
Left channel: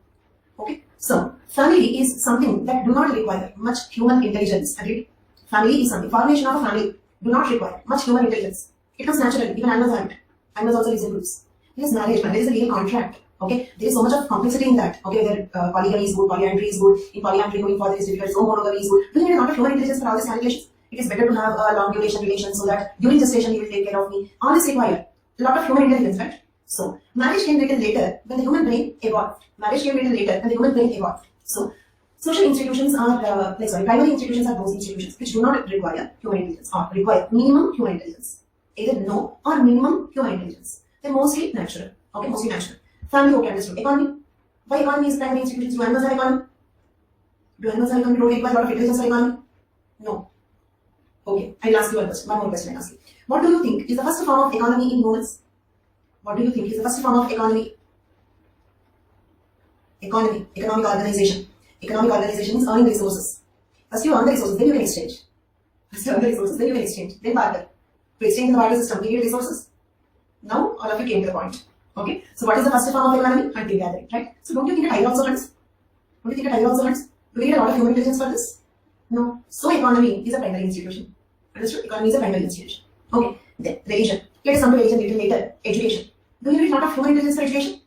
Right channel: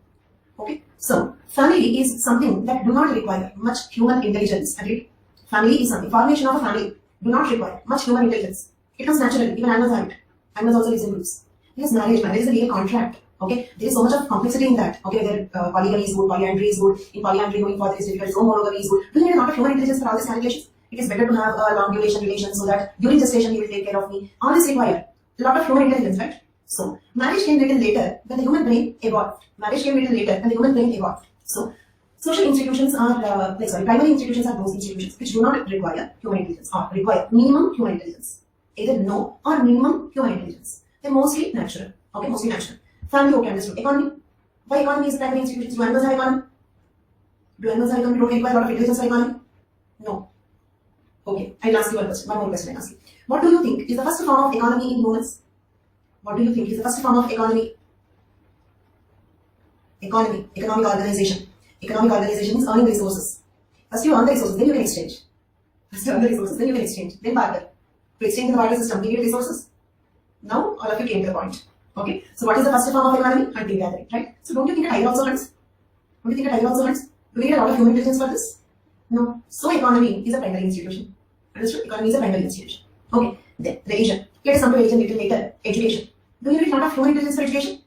Okay. So family is something that do not require much human intelligence. Agreed? Family is something. Formation of a family do not require much human intelligence. It comes naturally. Even animals have it. Animals also live in groups. Yes, marriage is a legal contract. Okay, there is so much of complexity in that. Okay, whether polygamy is good, polyandry is good. In polyandry, going further is difficult. So monogamy is good. Do you need a lot of human intelligence for all these calculations? It is better to have a long duration relation so that during gestation you will take care of me. All this require a lot of human intelligence, right? So marriage came little later when the human brain evolved. Marriage came little later when the human brain evolved. So social institutions are primary institutions are those institutions which do not require human intelligence or require minimum human intelligence. Either no or minimum human intelligence. They're mostly natural. Okay, mostly natural. Family, okay, understood. Economy. Why economy is primary institutions? Do animals have economy? Do animals have economy? Don't they require a lot of intelligence for economy? No. Okay, I'll ask you one question. One more question I'll ask you. What do you think is the first form of economy in humans? What do you think is the first form of economy? Economy. Economic organization. Economic organization is earning resources. First you earn the resources, then you can exchange. First you earn the resources, then you can exchange. Then barter. To exchange in the barter system, we need resources. Now all of you came to the point. Okay, so what is the first form of economy? Hunting gathering, right? So don't you think a tiger also hunts? Don't you think a tiger also hunts? Do we need a lot of human intelligence for this? No. So economy is a primary institution. Understood? Economy is a primary institution. Okay, then religion. Let us come to religion little later. Education. Do you need a lot of human intelligence for education?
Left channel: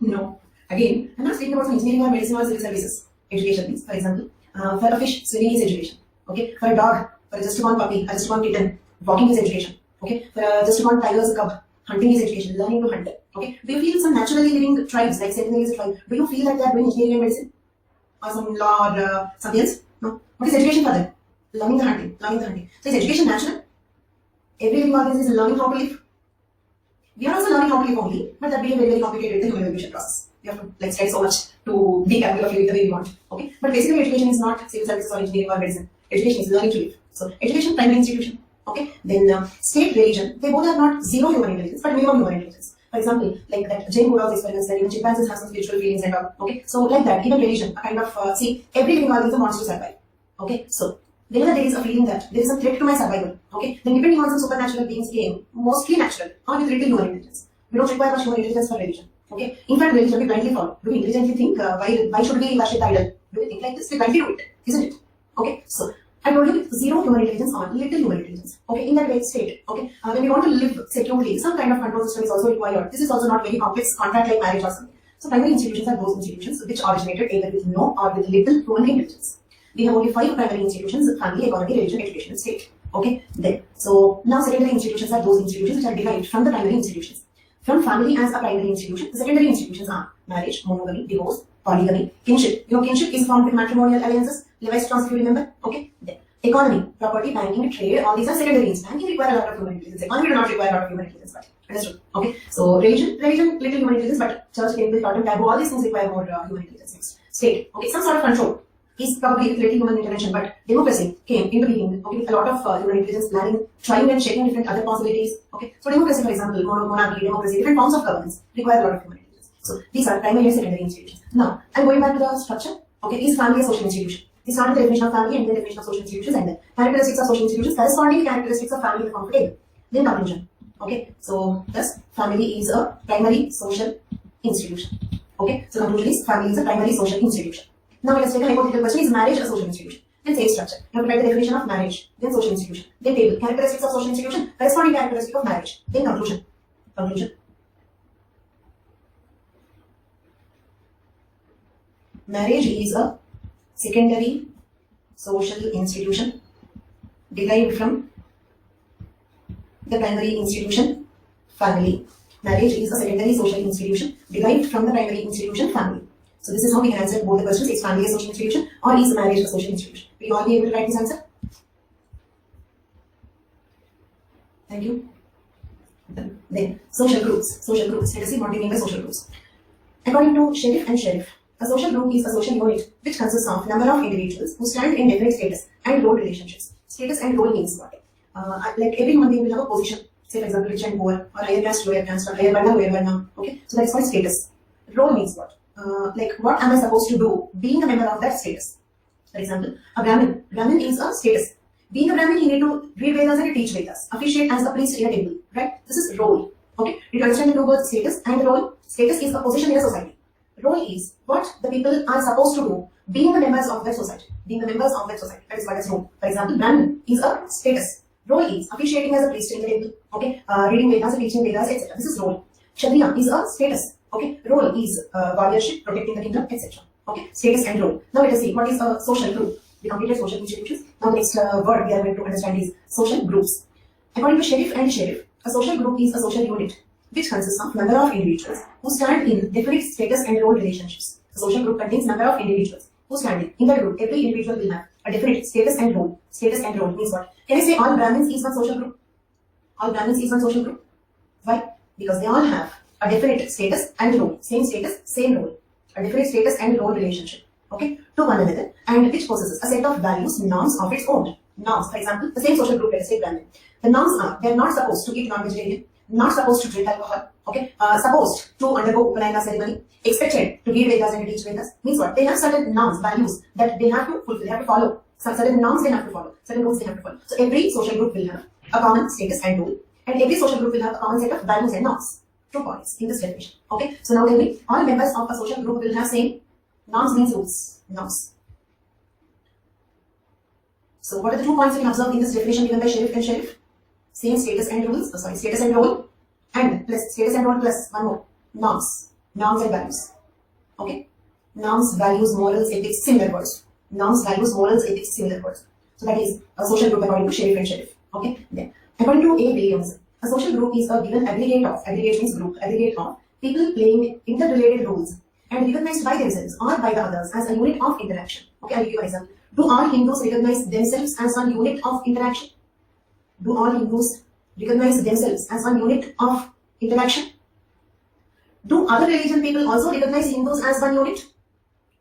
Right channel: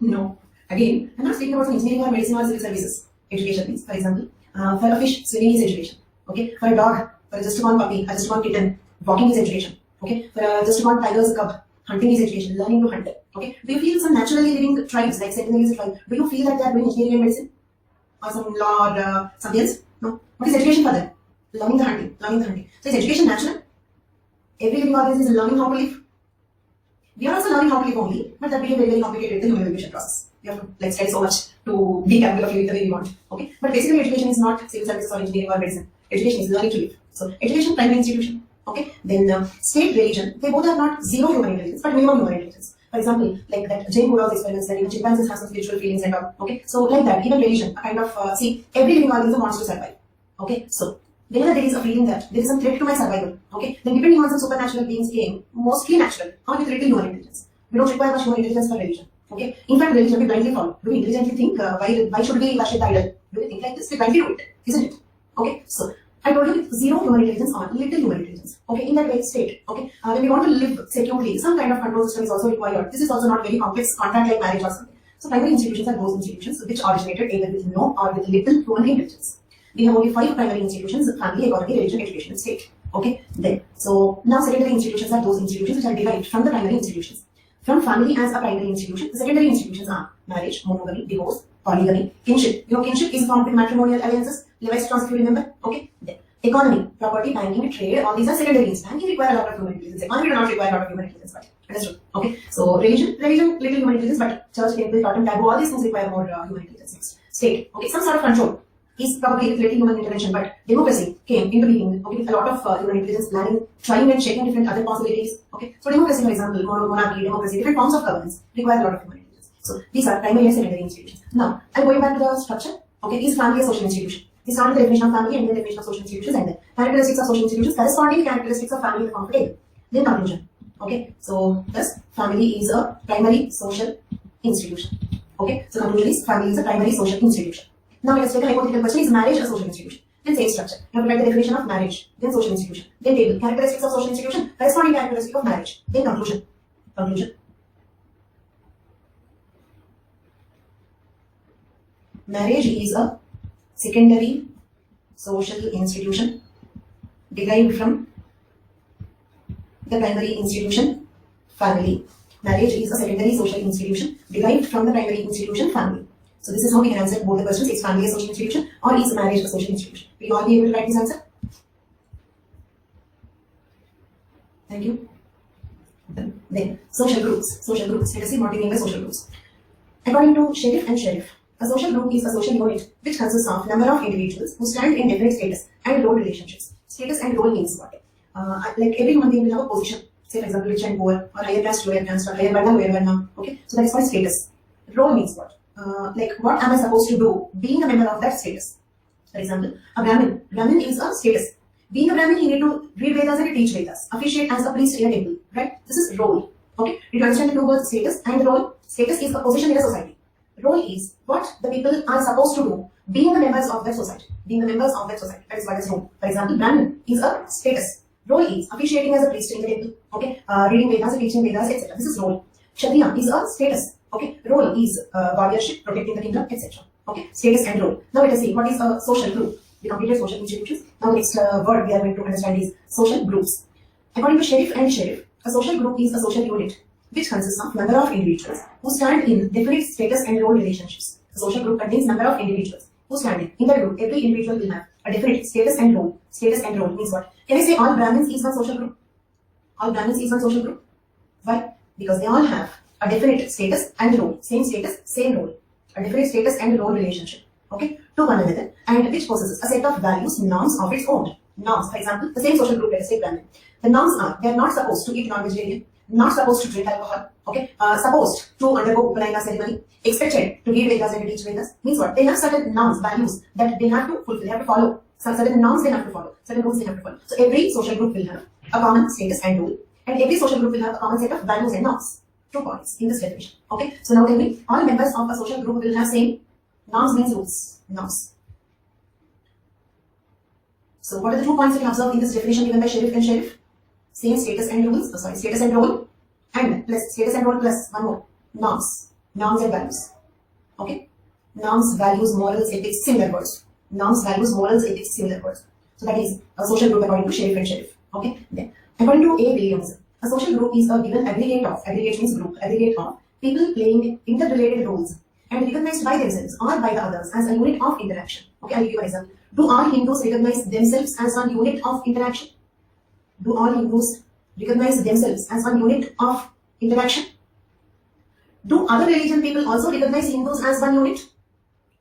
No. Again, I'm not speaking about some engineering or medicine or civil services. Education means, for example, for a fish, swimming is education. Okay, for a dog, for a just born puppy, a just born kitten, walking is education. Okay, for a just born tiger's cub, hunting is education, learning to hunt. Okay, do you feel some naturally living tribes like Sentinel is a tribe? Do you feel like they are doing engineering and medicine, or some law or something else? No. What is education for them? Learning the hunting, learning the hunting. So is education natural? Every living organism is learning how to live. We are also learning how to live only, but that becomes very, very complicated in the human evolution process. We have to study so much to be capable of living the way we want. Okay, but basically education is not civil services or engineering or medicine. Education is learning to live. So education, primary institution. Okay, then state, religion, they both are not zero human intelligence, but minimum human intelligence. For example, like that Jane Goodall's experiments that even chimpanzees have some spiritual feelings and all. Okay, so like that, even religion, a kind of see, every living organism wants to survive. Okay, so whenever there is a feeling that there is a threat to my survival, okay, then depending on some supernatural beings came, mostly natural or with little human intelligence. We don't require much human intelligence for religion. Okay, in fact, religion we blindly follow. Do we intelligently think why should we worship the idol? Do we think like this? We blindly do it, isn't it? Okay, so I told you zero human intelligence or little human intelligence. Okay, in that way state. Okay, when we want to live securely, some kind of control system is also required. This is also not very complex contract like marriage or something. So primary institutions are those institutions which originated either with no or with little human intelligence. We have only 5 primary institutions: family, economy, religion, education, and state. Okay, then so now secondary institutions are those institutions which are derived from the primary institutions. From family as a primary institution, the secondary institutions are marriage, monogamy, divorce, polygamy, kinship. You know, kinship is formed with matrimonial alliances. Levi's trust, if you remember. Okay, then economy, property, banking, trade. All these are secondary institutions. Banking require a lot of human intelligence. Economy do not require a lot of human intelligence. But understood? Okay, so religion, little human intelligence, but church, temple, totem, taboo, all these things require more human intelligence. Next, state. Okay, some sort of control is probably with little human intervention, but democracy came into being. Okay, a lot of human intelligence planning, trying and checking different other possibilities. Okay, so democracy, for example, monarchy, democracy, different forms of governance require a lot of human intelligence. So these are primary and secondary institutions. Now I'm going back to the structure. Okay, is family a social institution? We started the definition of family and then the definition of social institutions, and then characteristics of social institutions, corresponding characteristics of family in the form of a table. Then conclusion. Okay, so thus family is a primary social institution. Okay, so conclusion is family is a primary social institution. Now let us take a hypothetical question: is marriage a social institution? Then say structure. You have to write the definition of marriage, then social institution, then table, characteristics of social institution, corresponding characteristic of marriage, then conclusion. Conclusion. Marriage is a secondary social institution derived from the primary institution, family. Marriage is a secondary social institution derived from the primary institution, family. So this is how we can answer both the questions: is family a social institution or is marriage a social institution? Will you all be able to write this answer? Thank you. Then social groups. Social groups. Let us see what we mean by social groups. According to Sheriff and Sheriff, a social group is a social unit which consists of number of individuals who stand in definite status and role relationships. Status and role means what? Like every human being will have a position. Say for example, rich and poor, or higher caste, lower caste, or higher varna, lower varna. Okay, so that is called status. Role means what? Like what am I supposed to do being a member of that status? For example, a Brahmin. Brahmin is a status. Being a Brahmin, he need to read Vedas and teach Vedas. Officiate as a priest in a temple. Right? This is role. Okay. Did you understand the two words status and role? Status is a position in a society. Role is what the people are supposed to do being the members of that society. Being the members of that society. That is what is role. For example, Brahmin is a status. Role is officiating as a priest in the temple. Okay. Reading Vedas and teaching Vedas, etc. This is role. Kshatriya is a status. Okay, role is warriorship, protecting the kingdom, etc. Okay, status and role. Now let us see what is a social group. We completed social institutions. Now the next word we are going to understand is social groups. According to Sheriff and Sheriff, a social group is a social unit which consists of number of individuals who stand in definite status and role relationships. A social group contains number of individuals who stand in the group. Every individual will have a definite status and role. Status and role means what? Can I say all Brahmins is one social group? All Brahmins is one social group. Why? Because they all have a definite status and role. Same status, same role. A definite status and role relationship. Okay, to one another, and which possesses a set of values, norms of its own. Norms, for example, the same social group, let us say Brahmin. The norms are, they are not supposed to eat non-vegetarian, not supposed to drink alcohol, okay, supposed to undergo Upanayana ceremony, expected to read Vedas and to teach Vedas. Means what? They have certain norms, values that they have to fulfill, they have to follow. Certain norms they have to follow, certain rules they have to follow. So every social group will have a common status and rule, and every social group will have a common set of values and norms. 2 points in this definition. Okay, so now tell me, all members of a social group will have same norms means rules. Norms. So what are the 2 points we can observe in this definition given by Sheriff and Sheriff? Same status and rules, status and role, and plus status and role plus one more, norms. Norms and values. Okay? Norms, values, morals, ethics, similar words. Norms, values, morals, ethics, similar words. So that is a social group according to Sheriff and Sheriff. Okay? Then, according to A. Williams, a social group is a given aggregate means group, aggregate of people playing interrelated roles and recognized by themselves or by the others as a unit of interaction. Okay, I'll give you an example. Do all Hindus recognize themselves as one unit of interaction? Do all Hindus recognize themselves as one unit of interaction? Do other religion people also recognize Hindus as one unit?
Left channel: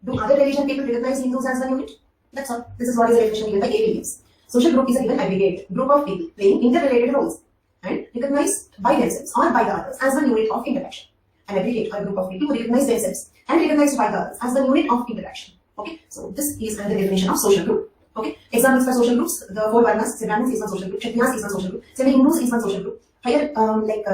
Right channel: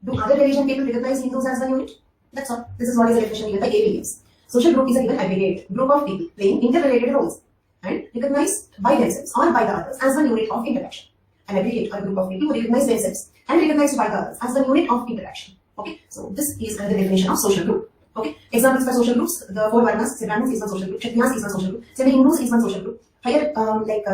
Do other religion people recognize Hindus as one unit? That's all. This is what is the definition given by A. Williams. Social group is a given aggregate group of people playing interrelated roles and recognized by themselves or by the others as one unit of interaction. An aggregate or group of people who recognize themselves and recognized by the others as one unit of interaction. Okay, so this is another definition of social group. Okay, examples for social groups: the 4 Varnas, Brahmins is one social group, Kshatriyas is one social group, Hindus is one social group, higher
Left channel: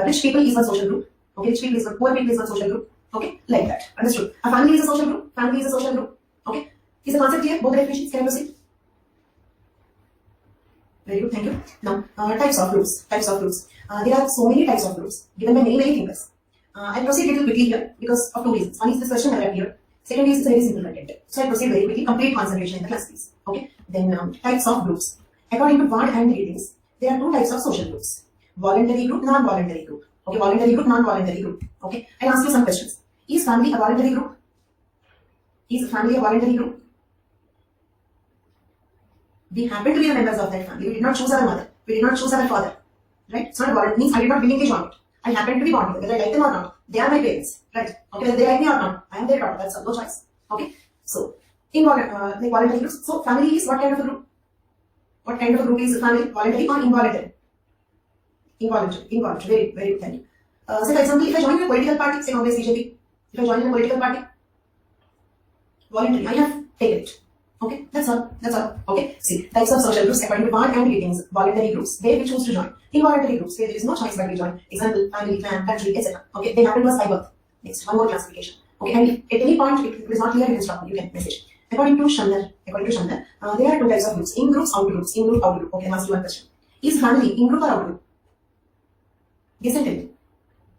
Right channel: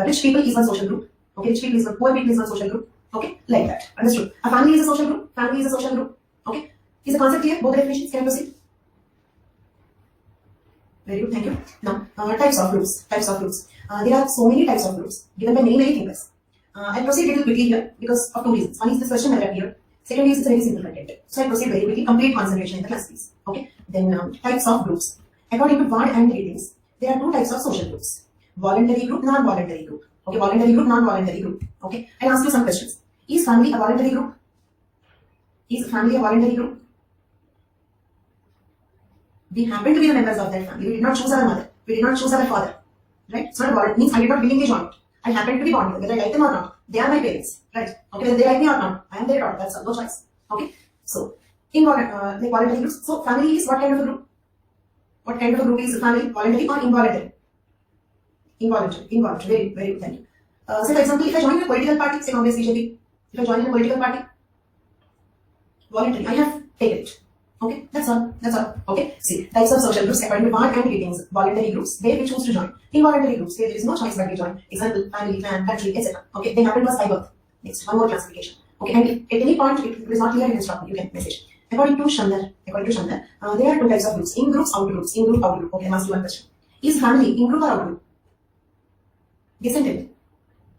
rich people is one social group. Okay, rich people is one, poor people is one social group. Okay, like that. Understood? A family is a social group. Family is a social group. Okay, is the concept clear? Both the definitions. Can I proceed? Very good, thank you. Now, types of groups. Types of groups. There are so many types of groups given by many thinkers. I'll proceed a little quickly here because of 2 reasons. One is this question never appeared. Second is it's a very simple content. So I'll proceed very quickly. Complete concentration in the class, please. Okay. Then types of groups. According to Ward and Readings, there are 2 types of social groups: voluntary group, non-voluntary group. Okay, voluntary group, non-voluntary group. Okay. I'll ask you some questions. Is family a voluntary group? Is family a voluntary group? We happen to be the members of that family. We did not choose our mother. We did not choose our father. Right? It's not a voluntary. Means I did not willingly join it. I happen to be born here, whether I like them or not. They are my parents, right? Okay, whether they like me or not, I am their daughter. That's all, no choice. Okay, so in voluntary groups. So family is what kind of a group? What kind of a group is family? Voluntary or involuntary? Involuntary. Involuntary. Very, very good. Thank you. So for example, if I join in a political party, say Congress, BJP. If I join in a political party, voluntary. I have taken it. Okay, that's all. That's all. Okay. See, types of social groups according to Ward and Readings. Voluntary groups, where we choose to join. Involuntary groups, where there is no choice but we join. Example, family, clan, country, etc. Okay, they happen to us by birth. Next, one more classification. Okay, and if at any point it is not clear, you can stop me. You can message. According to Chandler, there are 2 types of groups: in groups, out groups. In group, out group. Okay, I'll ask you one question. Is family in group or out group? Yes and tell.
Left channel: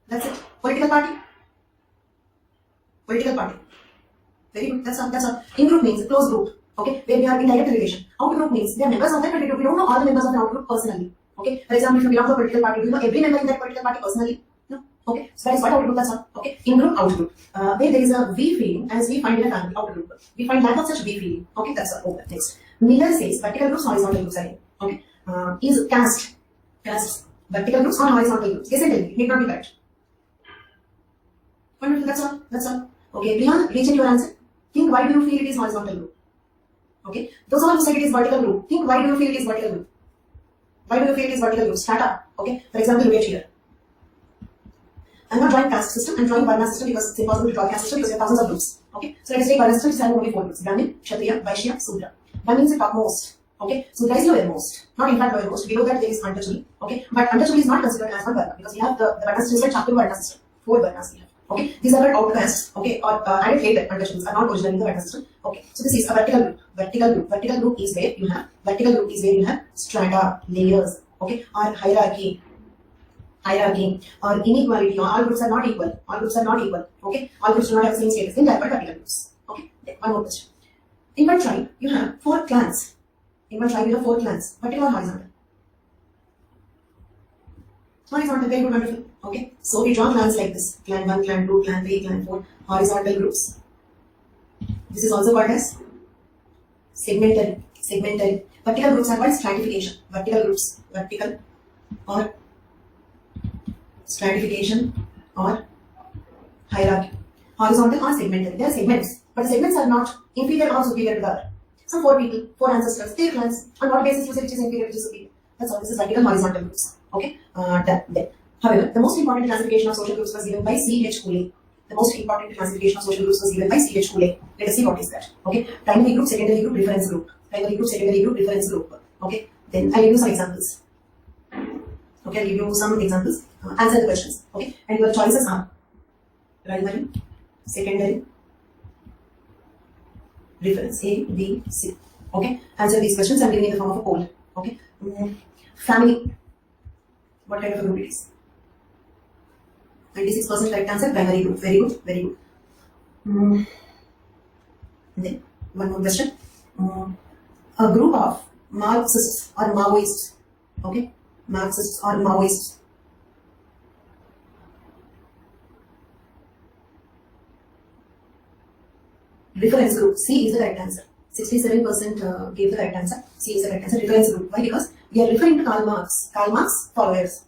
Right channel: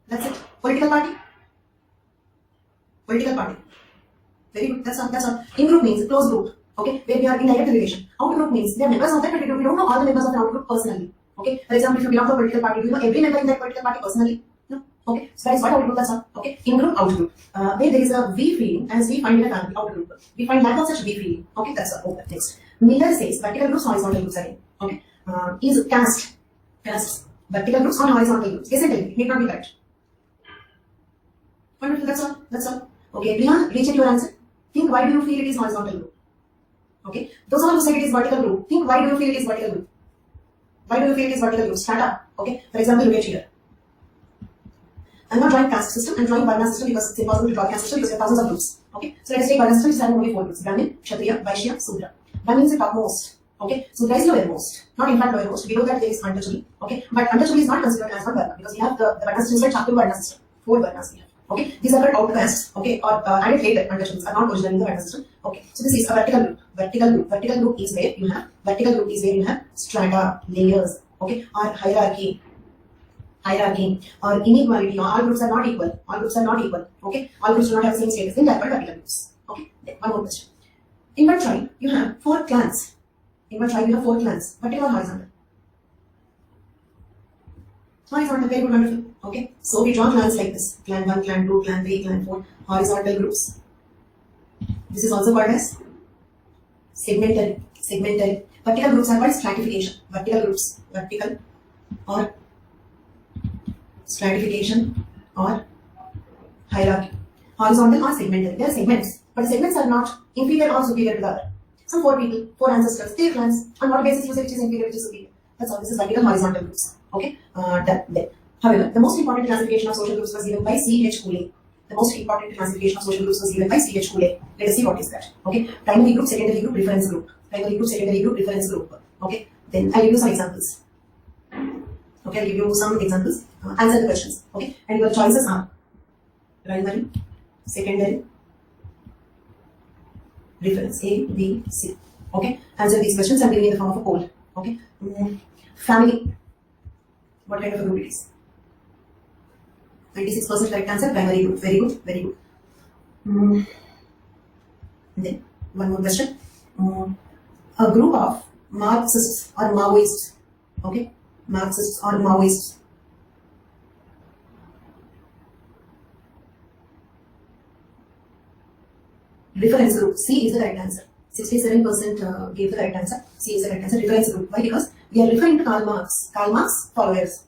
That's it. Political party. Political party. Very good. That's all. That's all. In group means close group. Okay, where we are in direct relation. Out group means they are members of that, but we don't know all the members of the out group personally. Okay, for example, if you belong to a political party, do you know every member in that political party personally? No. Okay, so that is what out group. That's all. Okay, in group, out group. Where there is a we feeling as we find in a family. Out group. We find lack of such we feeling. Okay, that's all. Okay, next. Miller says vertical groups, horizontal groups again. Okay, is caste vertical groups or horizontal groups? Yes and tell me. It need not be correct. Wonderful. That's all. That's all. Okay, Priya, recheck your answer. Think why do you feel it is horizontal group? Okay, those who said it is vertical group, think why do you feel it is vertical group? Why do you feel it is vertical group? Start up. Okay, for example, look at here. I'm not drawing caste system, I'm drawing Varna system because it's impossible to draw caste system because there are thousands of groups. Okay, so let us take Varna system, which is having only 4 groups: Brahmin, Kshatriya, Vaishya, Sudra. Brahmin is the topmost. Okay, Sudra is lowermost. Not in fact lowermost. Below that there is untouchable. Okay, but untouchable is not considered as one Varna because we have the Varna system is like Chatur Varna system. 4 Varnas we have. Okay, these are called outcasts. Okay, or added later untouchables are not originally in the Varna system. Okay, so this is a vertical group. Vertical group is where you have strata, layers, okay, or hierarchy. hierarchy, or inequality, or all groups are not equal. All groups are not equal. Okay, all groups do not have the same status. Then they are called vertical groups. Okay, then one more question. In one tribe, you have 4 clans. In one tribe, you have 4 clans. Vertical or horizontal? Horizontal, very good, wonderful. Okay, so we draw clans like this: clan 1, clan 2, clan 3, clan 4. Horizontal groups. This is also called as segmental. Segmental. Vertical groups are called stratification. Vertical groups. Vertical or stratification or hierarchy. Horizontal or segmental. They are segments, but segments are not inferior or superior to the other. Some 4 people, 4 ancestors, their clans. On what basis you say which is inferior, which is superior? That's all. This is vertical, horizontal groups. Okay. Then. However, the most important classification of social groups was given by C.H. Cooley. The most important classification of social groups was given by C.H. Cooley. Let us see what is that. Okay. Primary group, secondary group, reference group. Primary group, secondary group, reference group. Okay. Then I'll give you some examples. Okay, I'll give you some examples. Answer the questions. Okay. And your choices are primary, secondary, reference, A, B, C. Okay. Answer these questions and give me in the form of a poll. Okay. Family. What kind of a group it is? 96% correct answer, primary group. Very good, very good. Then, one more question. A group of Marxists or Maoists. Okay, Marxists or Maoists. Reference group. C is the correct answer. 67% gave the correct answer. C is the correct answer. Reference group. Why? Because we are referring to Karl Marx. Karl Marx followers.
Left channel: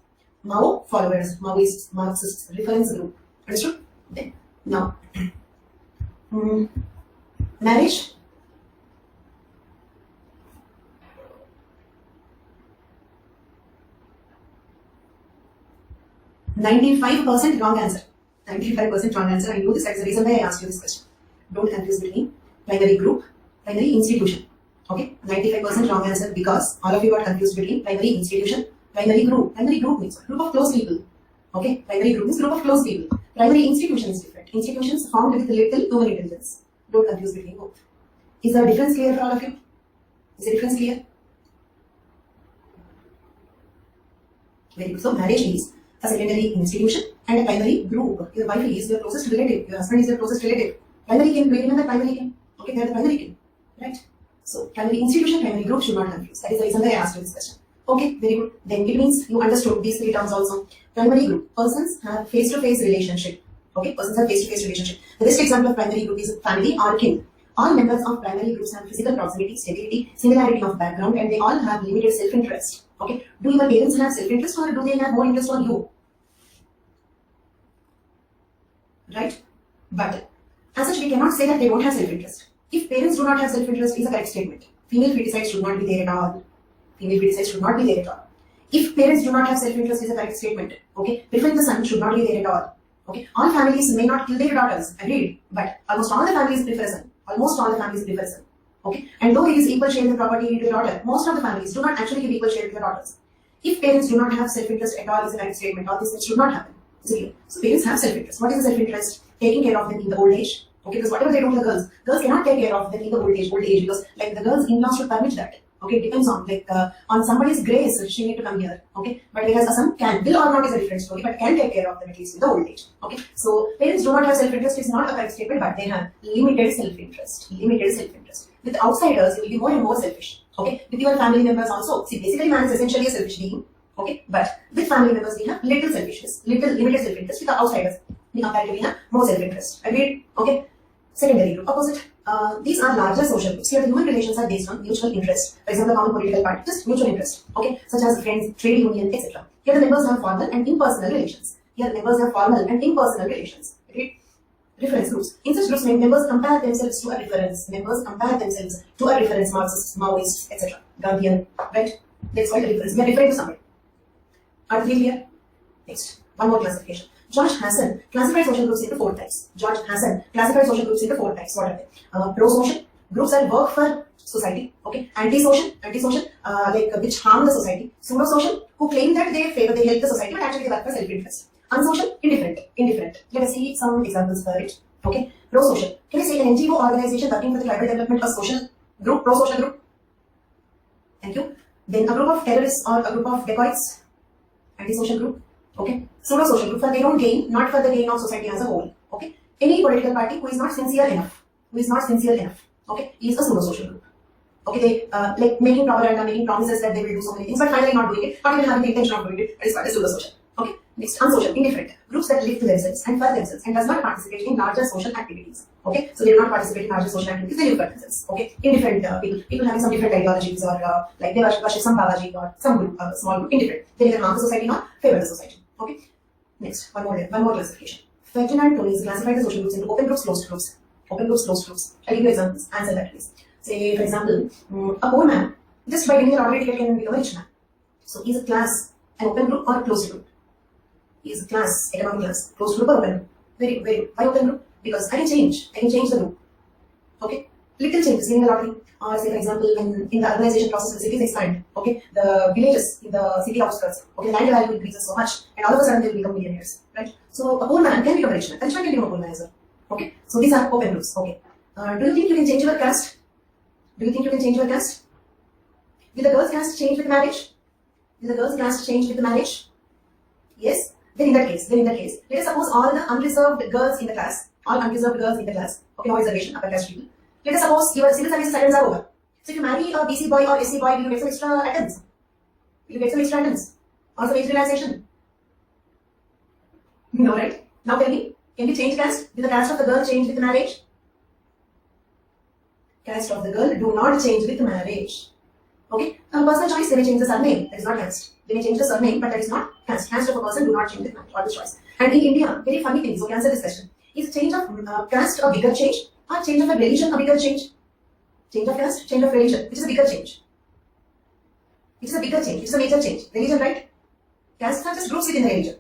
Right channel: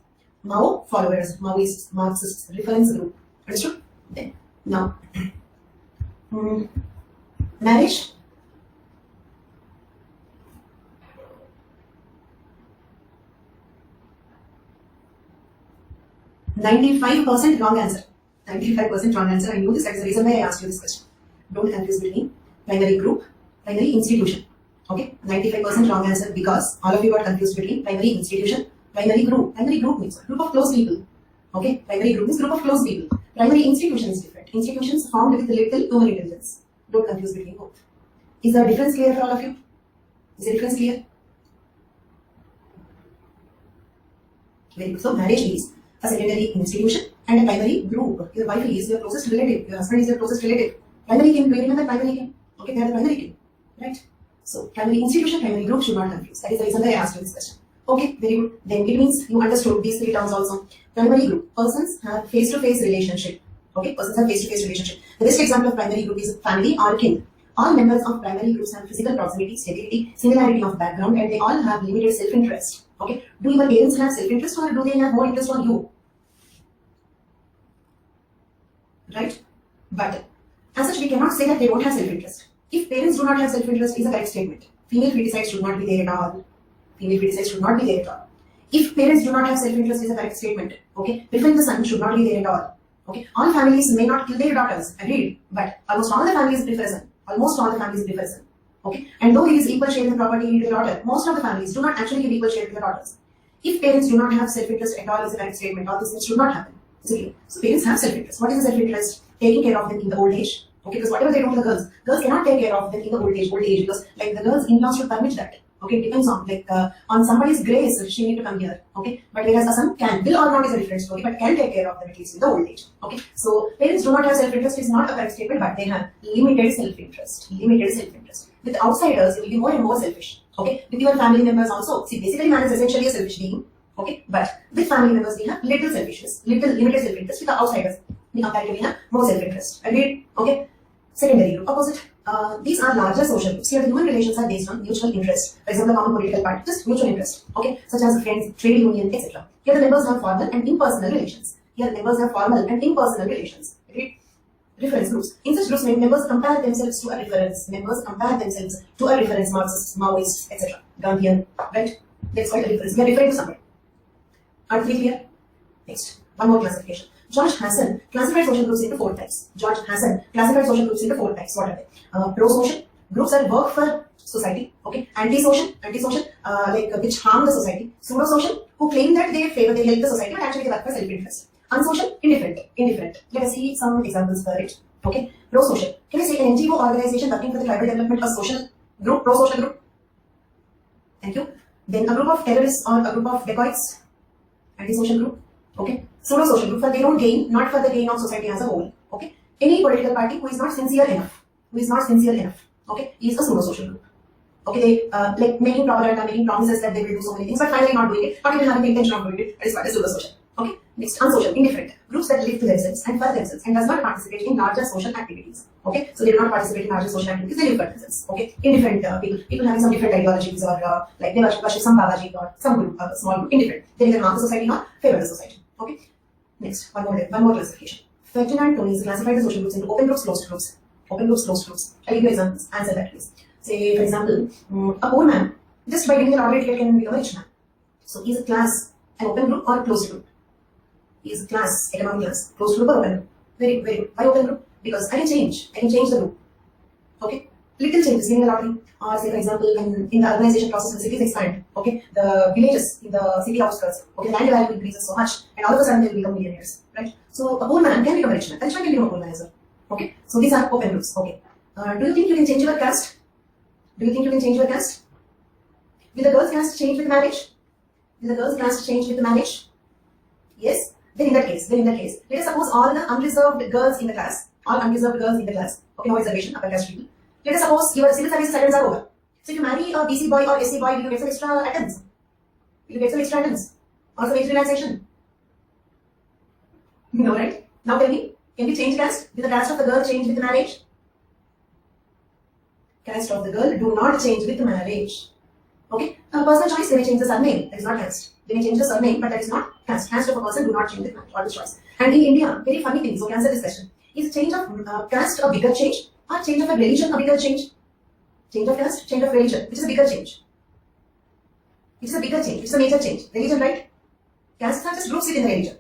Mao followers, Maoists, Marxists, reference group. Understood? Then, now, marriage. %95 wrong answer. 95% wrong answer. I knew this. That's the reason why I asked you this question. Don't confuse between primary group, primary institution. Okay, 95% wrong answer because all of you got confused between primary institution, primary group. Primary group means group of close people. Okay, primary group means group of close people. Primary institution is different. Institutions formed with little human intelligence. Don't confuse between both. Is the difference clear for all of you? Is the difference clear? Very good. So marriage is a secondary institution and a primary group. Your wife is your closest relative. Your husband is your closest relative. Primary kin. Do you remember primary kin? Okay, they are the primary kin. Right? So primary institution, primary group should not confuse. That is the reason why I asked you this question. Okay, very good. Then it means you understood these 3 terms also. Primary group. Persons have face-to-face relationship. Okay, persons have face-to-face relationship. The best example of primary group is family or kin. All members of primary groups have physical proximity, stability, similarity of background, and they all have limited self-interest. Okay, do your parents have self-interest or do they have more interest on you? Right? But as such, we cannot say that they don't have self-interest. If parents do not have self-interest, is a correct statement. Female feticides should not be there at all. Female feticides should not be there at all. If parents do not have self-interest, is a correct statement. Okay, preferring the son should not be there at all. Okay, all families may not kill their daughters, agreed, but almost all the families prefer a son. Almost all the families prefer a son. Okay, and though there is equal share in the property to the daughter, most of the families do not actually give equal share to the daughters. If parents do not have self-interest at all, is a correct statement. All these things should not happen. So parents have self-interest. What is the self-interest? Taking care of them in the old age. Okay, because whatever they do to the girls cannot take care of them in the old age because like the girls in-laws should permit that. Okay, it depends on on somebody's grace she need to come here. Okay, but whereas a son will or not is a different story, but can take care of them at least in the old age. Okay, so parents do not have self-interest is not a correct statement, but they have limited self-interest. Limited self-interest. With outsiders, you will be more and more selfish. Okay, with your family members also. See, basically man is essentially a selfish being. Okay, but with family members we have little selfishness, limited self-interest. With the outsiders, we comparatively have more self-interest. Agreed? Okay. Secondary group, opposite. These are larger social groups. Here the human relations are based on mutual interest. For example, common political party, just mutual interest. Okay, such as friends, trade union, etc. Here the members have formal and impersonal relations. Here members have formal and impersonal relations. Okay. Reference groups. In such groups, members compare themselves to a reference. Members compare themselves to a reference, Marxists, Maoists, etc. Gandhian, right? That's called a reference. We are referring to somebody. Are we clear? Next, one more classification. George Hassan classified social groups into 4 types. George Hassan classified social groups into 4 types. What are they? Pro-social groups that work for society. Okay. Anti-social, which harm the society. Pseudo-social, who claim that they favor, they help the society, but actually they work for self-interest. Unsocial, indifferent. Let us see some examples for it. Okay. Pro-social. Can you say an NGO organization working for the tribal development of social group, pro-social group? Thank you. Then a group of terrorists or a group of dacoits, anti-social group. Okay, pseudo-social group for their own gain, not for the gain of society as a whole. Okay, any political party who is not sincere enough, okay, is a pseudo-social group. Okay, they like making propaganda, making promises that they will do so many things, but finally not doing it, not even having the intention of doing it. That is called as pseudo-social. Okay, next, unsocial, indifferent, groups that live to themselves and for themselves and does not participate in larger social activities. Okay, so they do not participate in larger social activities, they live for themselves. Okay, indifferent people having some different ideologies or like they worship some Babaji or some group, small group, indifferent. They neither harm the society nor favor the society. Okay, next, one more classification. Ferdinand Tonies classified the social groups into open groups, closed groups. Open groups, closed groups. I'll give you examples. Answer that please. Say, for example, a poor man just by getting a lottery ticket can become a rich man. So is a class an open group or a closed group? Is a class, economic class, closed group or open group? Very good. Why open group? Because I can change the group. Okay? Little changes in the lottery. Or say for example, in the urbanization process, the cities expand. Okay? The villages in the city outskirts, okay, land value increases so much and all of a sudden they will become millionaires. Right? So a poor man can become a rich man. A rich man can become a poor man as well. Okay? So these are open groups. Okay. Do you think you can change your caste? Do you think you can change your caste? Will the girl's caste change with marriage? Will the girl's caste change with the marriage? Yes. Then in that case, let us suppose all the unreserved girls in the class, okay, no reservation, upper caste people. Let us suppose your civil service attendance are over. So if you marry a BC boy or SC boy, will you get some extra attendance? Or some age relaxation? No, right? Now tell me, can we change caste? Will the caste of the girl change with marriage? Caste of the girl do not change with marriage. Okay? Personal choice, they may change the surname. That is not caste. They may change the surname, but that is not caste. Caste of a person do not change with marriage or with choice. And in India, very funny thing. So, answer this question: is change of caste a bigger change, or change of a religion a bigger change? Change of caste, change of religion, which is a bigger change? It is a bigger change. It's a major change. Religion, right? Castes are just groups within the religion.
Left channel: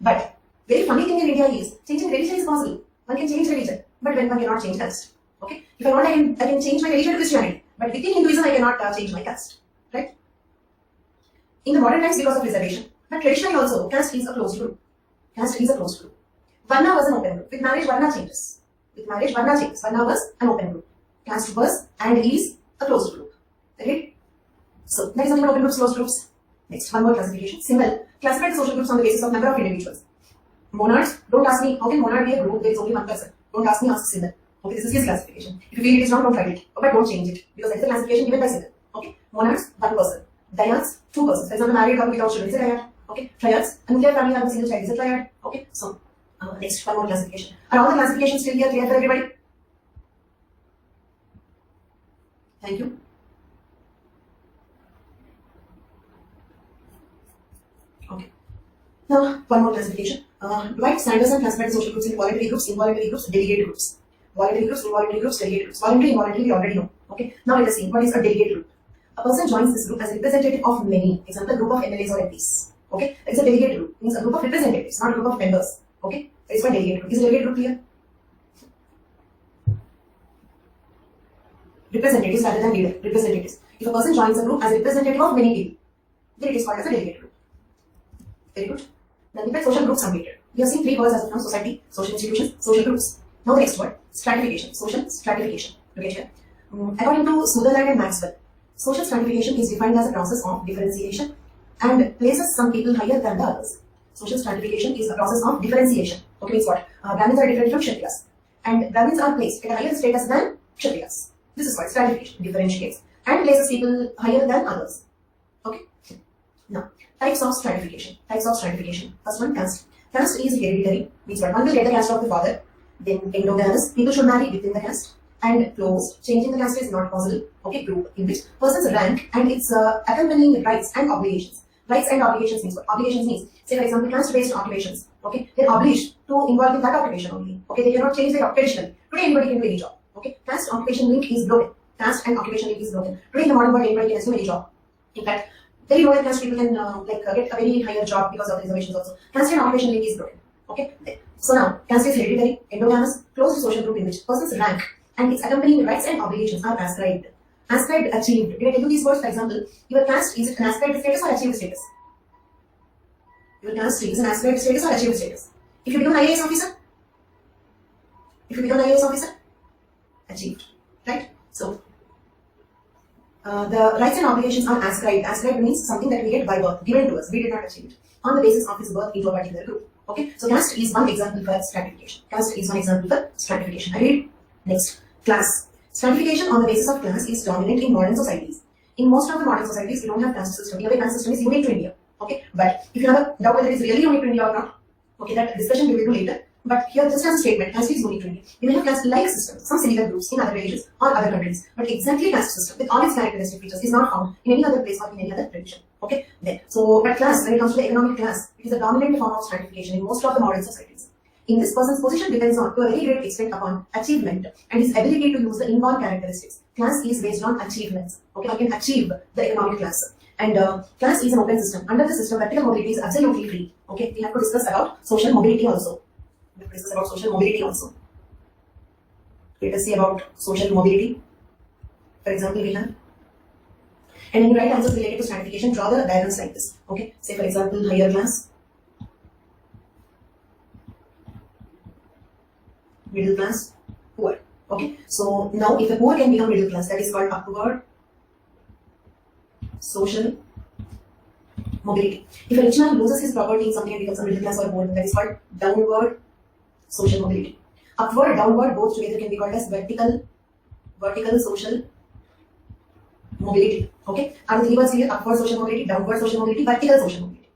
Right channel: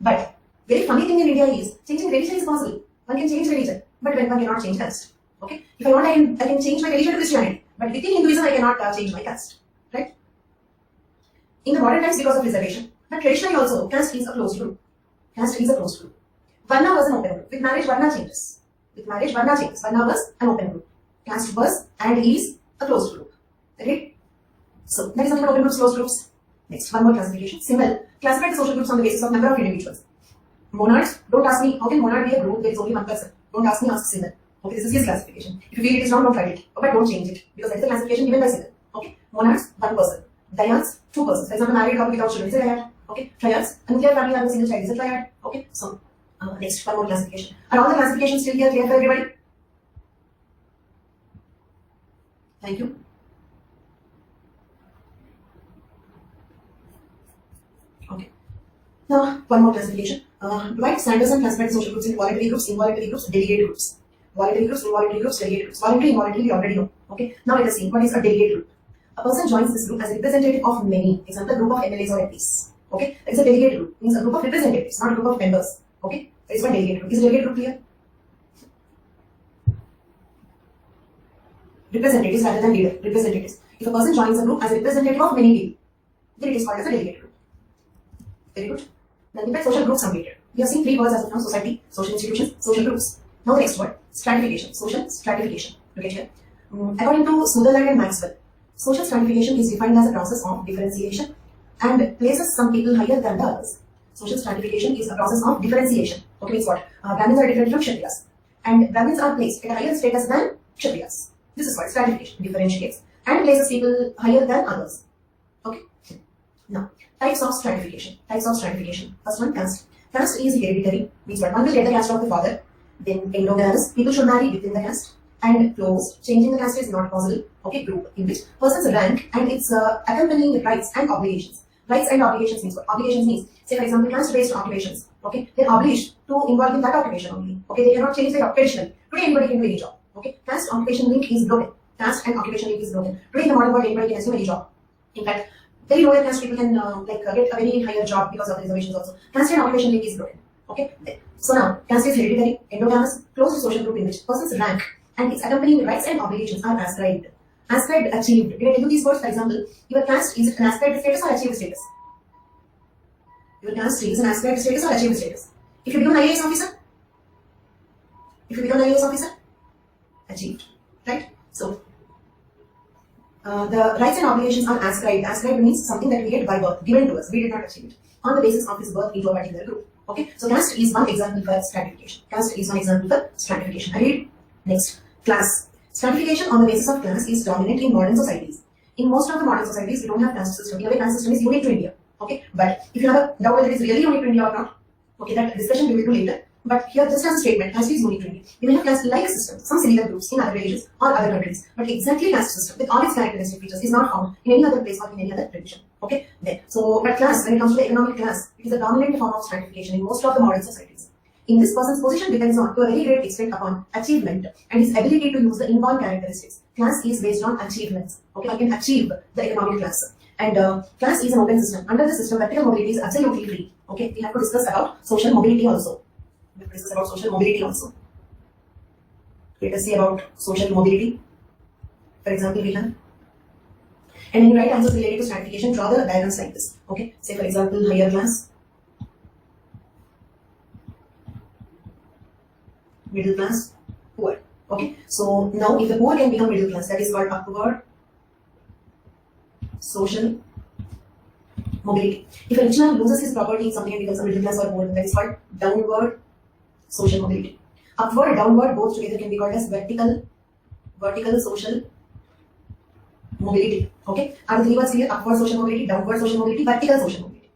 But very funny thing in India is changing religion is possible. One can change religion, but one cannot change caste. Okay? If I want, I can change my religion to Christianity. But within Hinduism, I cannot change my caste. Right? In the modern times, because of reservation. But traditionally also, caste is a closed group. Varna was an open group. With marriage, Varna changes. Varna was an open group. Caste was and is a closed group. Okay? So, that is nothing but open groups, closed groups. Next, one more classification. Symbol. Classify the social groups on the basis of number of individuals. Monarchs, don't ask me, how can monarch be a group? There is only one person. Don't ask me, ask symbol. Okay, this is his classification. If you feel it is wrong, don't write it. But don't change it. Because that is the classification given by symbol. Okay? Monarchs, one person. Dyads, two persons. For example, married couple without children is a dyad. Okay? Triads, a nuclear family having a single child is a triad. Okay? So, next, one more classification. Are all the classifications still here clear for everybody? Thank you. Okay. Now, one more classification. Dwight Sanderson classified the social groups in voluntary groups, involuntary groups, delegate groups. Voluntary groups, involuntary groups, delegate groups. Voluntary, involuntary, we already know. Okay. Now let us see what is a delegate group. A person joins this group as a representative of many. Example, group of MLAs or MPs. Okay. It is a delegate group. Means a group of representatives, not a group of members. Okay. That is why delegate group. Is a delegate group clear? Representatives rather than leader. Representatives. If a person joins a group as a representative of many people, then it is called as a delegate group. Very good. Then we have social groups completed. We have seen three words as of now: society, social institutions, social groups. Now the next word, stratification. Social stratification. Look at here. According to Sutherland and Maxwell, social stratification is defined as a process of differentiation and places some people higher than the others. Social stratification is a process of differentiation. Okay, means what? Brahmins are different from Kshatriyas, and Brahmins are placed at a higher status than Kshatriyas. This is called stratification. Differentiates and places people higher than others. Okay. Now, types of stratification. First one, caste. Caste is hereditary. Means what? One will get the caste of the father. Then endogamous. People should marry within the caste. And closed. Changing the caste is not possible. Okay, group in which person's rank and its accompanying rights and obligations. Rights and obligations means what? Obligations means, say for example, caste-based occupations. Okay, they're obliged to involve in that occupation only. Okay, they cannot change their occupation. Today anybody can do any job. Okay, caste occupation link is broken. Caste and occupation link is broken. Today in the modern world, anybody can assume any job. In fact, very lower caste people can get a very higher job because of the reservations also. Caste and occupation link is broken. Okay, so now caste is hereditary, endogamous, closed social group in which person's rank and its accompanying rights and obligations are ascribed. Ascribed, achieved. Did I tell you these words? For example, your caste is an ascribed status or achieved status? Your caste is an ascribed status or achieved status? If you become an IAS officer? Achieved. Right? So, the rights and obligations are ascribed. Ascribed means something that we get by birth, given to us. We did not achieve it. on the basis of his birth into a particular group. Okay, so caste is one example for stratification. Caste is one example for stratification. I read next. Class. Stratification on the basis of class is dominant in modern societies. In most of the modern societies, we don't have caste system. In a way, caste system is unique to India. Okay, but if you have a doubt whether it is really unique to India or not, okay, that discussion we will do later. But here, just as a statement, caste is unique to India. We may have caste-like systems, some similar groups in other religions or other countries, but exactly caste system with all its characteristic features is not found in any other place or in any other religion. Okay, then so but class, when it comes to the economic class, it is a dominant form of stratification in most of the modern societies. In this person's position depends on, to a very great extent, upon achievement and his ability to use the inborn characteristics. Class is based on achievements. Okay, I can achieve the economic class. And class is an open system. Under the system, vertical mobility is absolutely free. Okay, we have to discuss about social mobility also. We have to discuss about social mobility also. Let us see about social mobility. For example, we have. And when you write answers related to stratification, draw the diagrams like this. Okay, say for example, higher class, middle class, poor. Okay, so now if the poor can become middle class, that is called upward social mobility. If a rich man loses his property in something and becomes a middle class or poor, that is called downward social mobility. Upward, downward, both together can be called as vertical social mobility. Okay, are the three words here? Upward social mobility, downward social mobility, vertical social mobility.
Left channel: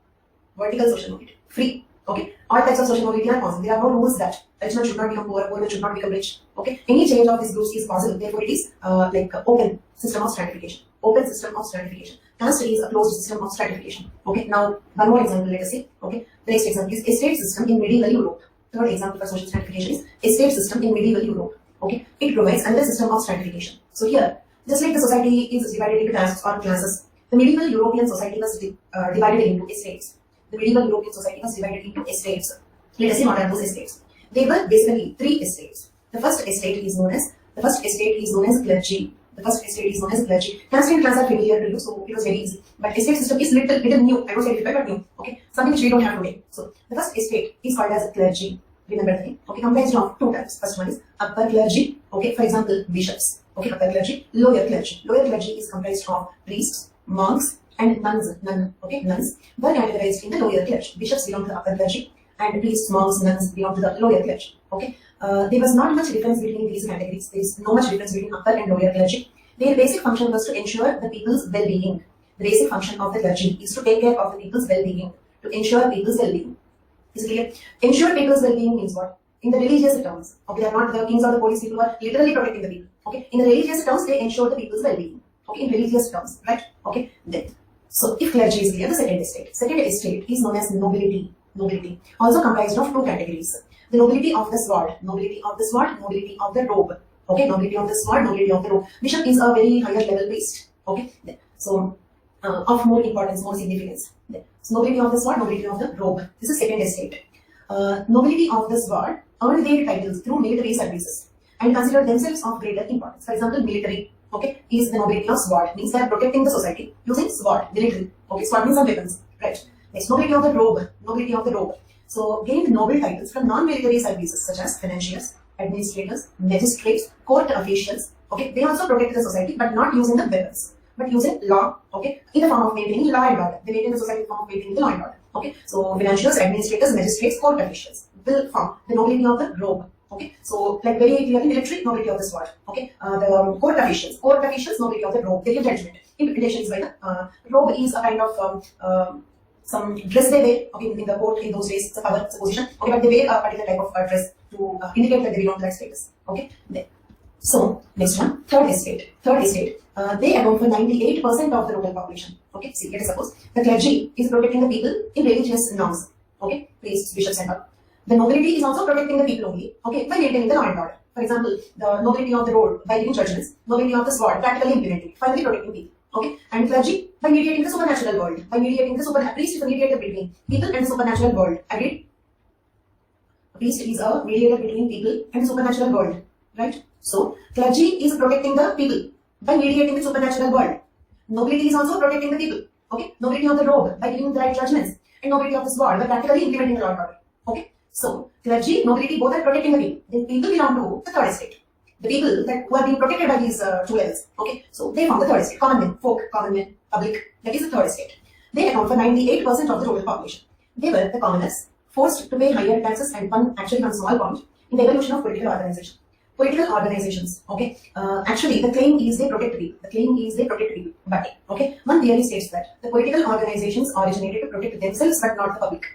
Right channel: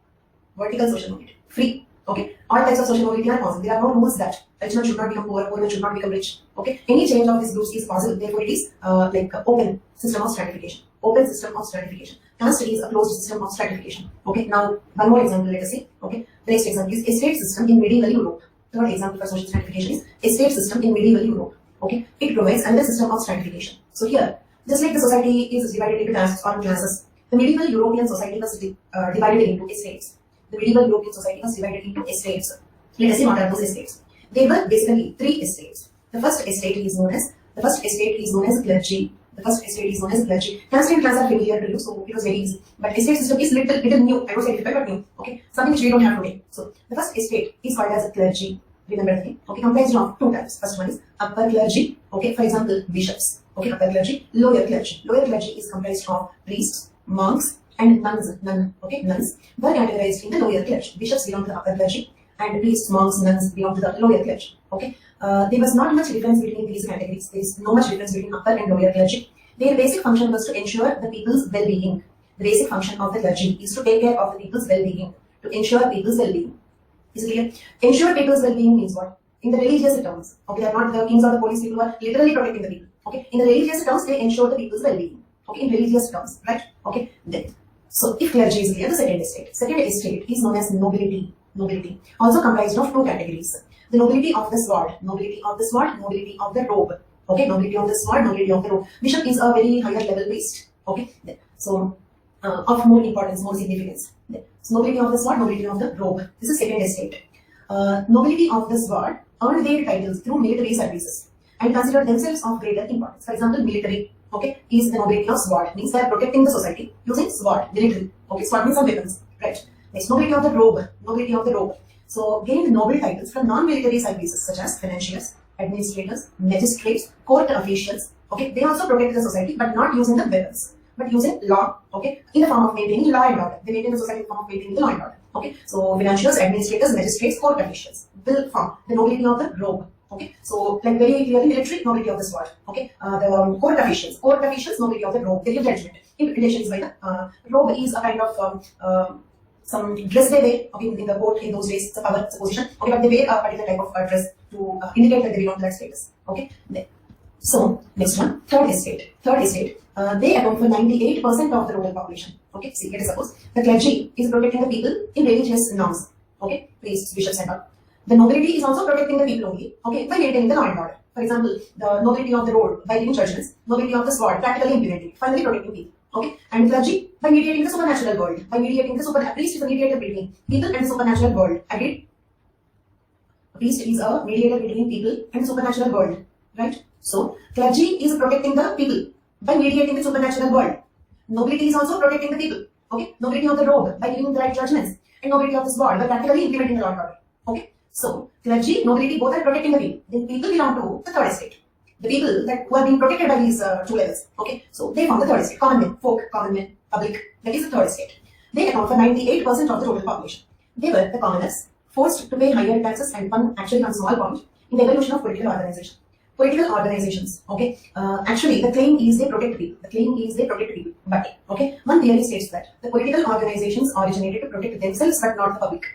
Vertical social mobility, free. Okay, all types of social mobility are possible. There are no rules that rich man should not become poor, poor man should not become rich. Okay, any change of these groups is possible. Therefore, it is like open system of stratification. Open system of stratification. Caste is a closed system of stratification. Okay, now one more example. Let us see. Okay, the next example is estate system in medieval Europe. Third example for social stratification is estate system in medieval Europe. Okay, it provides another system of stratification. So here, just like the society is divided into castes or classes, the medieval European society was divided into estates. The medieval European society was divided into estates. Let us see what are those estates. They were basically three estates. The first estate is known as clergy. The first estate is known as clergy. Caste and class are familiar to you, so it was very easy. But estate system is little new. I don't say difficult, but new. Okay, something which we don't have today. So the first estate is called as a clergy. Remember the name. Okay, comprised of two types. First one is upper clergy. Okay, for example, bishops. Okay, upper clergy. Lower clergy. Lower clergy is comprised of priests, monks, and nuns. Nuns were categorized in the lower clergy. Bishops belong to the upper clergy, and priests, monks, nuns belong to the lower clergy. Okay, there was not much difference between these categories. There is no much difference between upper and lower clergy. Their basic function was to ensure the people's well-being. The basic function of the clergy is to take care of the people's well-being, to ensure people's well-being. Is it clear? Ensure people's well-being means what? In the religious terms, okay, they are not the kings or the police people who are literally protecting the people. Okay, in the religious terms, they ensure the people's well-being. Okay, in religious terms, right? Okay, then. So, if clergy is clear, the second estate. Second estate is known as nobility. Nobility, also comprised of two categories. The nobility of the sword, nobility of the sword, nobility of the robe. Okay, nobility of the sword, nobility of the robe. Bishop is a very higher level priest. Okay, then. So, of more importance, more significance. Then. So, nobility of the sword, nobility of the robe. This is second estate. Nobility of the sword earned their titles through military services and consider themselves of greater importance. For example, military, okay, is the nobility of sword, means they are protecting the society using sword, military. Okay, sword means some weapons, right? Next, nobility of the robe, nobility of the robe. So, gained noble titles from non-military services such as financiers, administrators, magistrates, court officials. Okay, they also protect the society, but not using the weapons, but using law. Okay, in the form of maintaining law and order. They maintain the society in the form of maintaining the law and order. Okay, so financiers, administrators, magistrates, court officials will form the nobility of the robe. Okay, so like very clearly military, nobility of the sword. Okay, the court officials, nobility of the robe. They give judgment in relations by the robe is a kind of some dress they wear. Okay, in the court in those days, it's a power, it's a position. Okay, but they wear a particular type of dress to indicate that they belong to that status. Okay, then. So next one, third estate. Third estate. They account for 98% of the rural population. Okay, see, let us suppose the clergy is protecting the people in religious norms. Okay, priests, bishops, and all. The nobility is also protecting the people only. Okay, by maintaining the law and order. For example, the nobility of the road by giving judgments, nobility of the sword practically implementing, finally protecting people. Okay, and clergy by mediating the supernatural world, by mediating the priest is a mediator between people and the supernatural world. Agreed? A priest is a mediator between people and the supernatural world, right? So, clergy is protecting the people by mediating the supernatural world. Nobility is also protecting the people. Okay, nobility of the robe by giving the right judgments, and nobility of the sword by practically implementing the law and order. Okay, so clergy, nobility, both are protecting the people. The people belong to the third estate. The people that who are being protected by these two levels. Okay, so they form the third estate. Common men, folk, common men, public. That is the third estate. They account for 98% of the total population. They were the commoners, forced to pay higher taxes and actually one small point in the evolution of political organization. Political organizations, okay, actually the claim is they protect people. The claim is they protect people. But, okay, one theory states that the political organizations originated to protect themselves but not the public.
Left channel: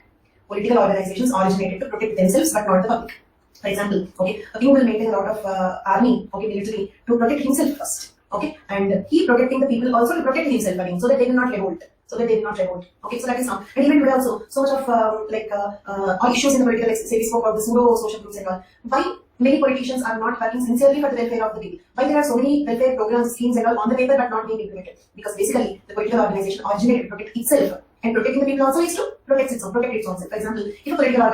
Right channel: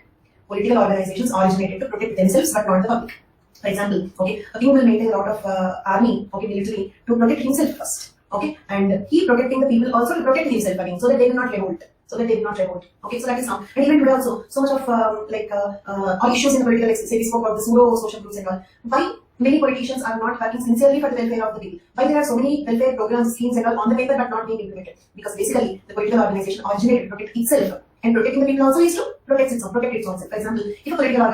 Political organizations originated to protect themselves but not the public. For example, okay, a king will maintain a lot of army, okay, military to protect himself first, okay, and he protecting the people also to protect himself again, so that they will not revolt. Okay, so that is how. And even today also, so much of issues in the political, like say we spoke about the pseudo social groups and all. Why many politicians are not working sincerely for the welfare of the people? Why there are so many welfare programs, schemes and all on the paper but not being implemented? Because basically the political organization originated to protect itself, and protecting the people also is to protect its own self. For example, if a political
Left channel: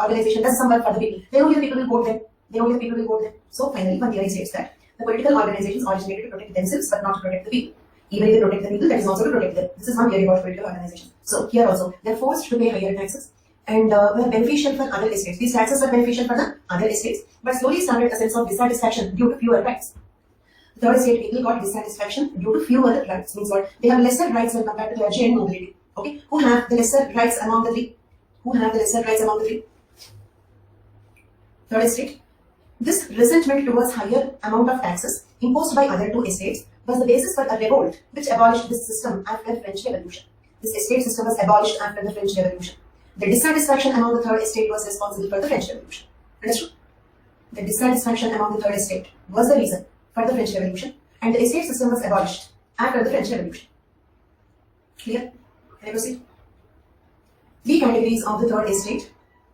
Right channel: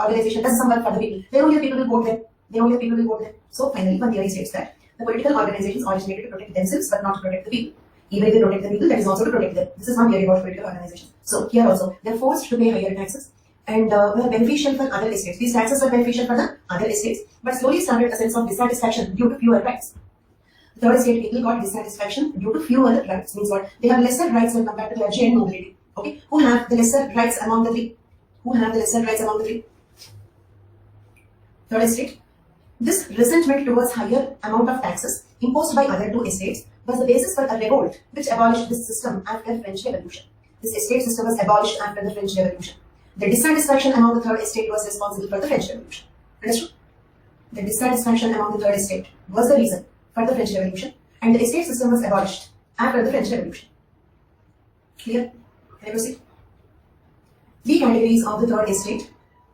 organization does some work for the people, then only the people will vote them. So finally, one theory states that the political organizations originated to protect themselves but not to protect the people. Even if they protect the people, that is also to protect them. This is one theory about political organizations. So here also, they are forced to pay higher taxes and were beneficial for other estates. These taxes were beneficial for the other estates, but slowly started a sense of dissatisfaction due to fewer rights. The third estate people got dissatisfaction due to fewer rights. Means what? They have lesser rights when compared to clergy and nobility. Okay, who have the lesser rights among the three? Third estate. This resentment towards higher amount of taxes imposed by other two estates was the basis for a revolt which abolished this system after the French Revolution. This estate system was abolished after the French Revolution. The dissatisfaction among the third estate was responsible for the French Revolution. Understood? The dissatisfaction among the third estate was the reason for the French Revolution, and the estate system was abolished after the French Revolution. Clear? Can I proceed? Three categories of the third estate.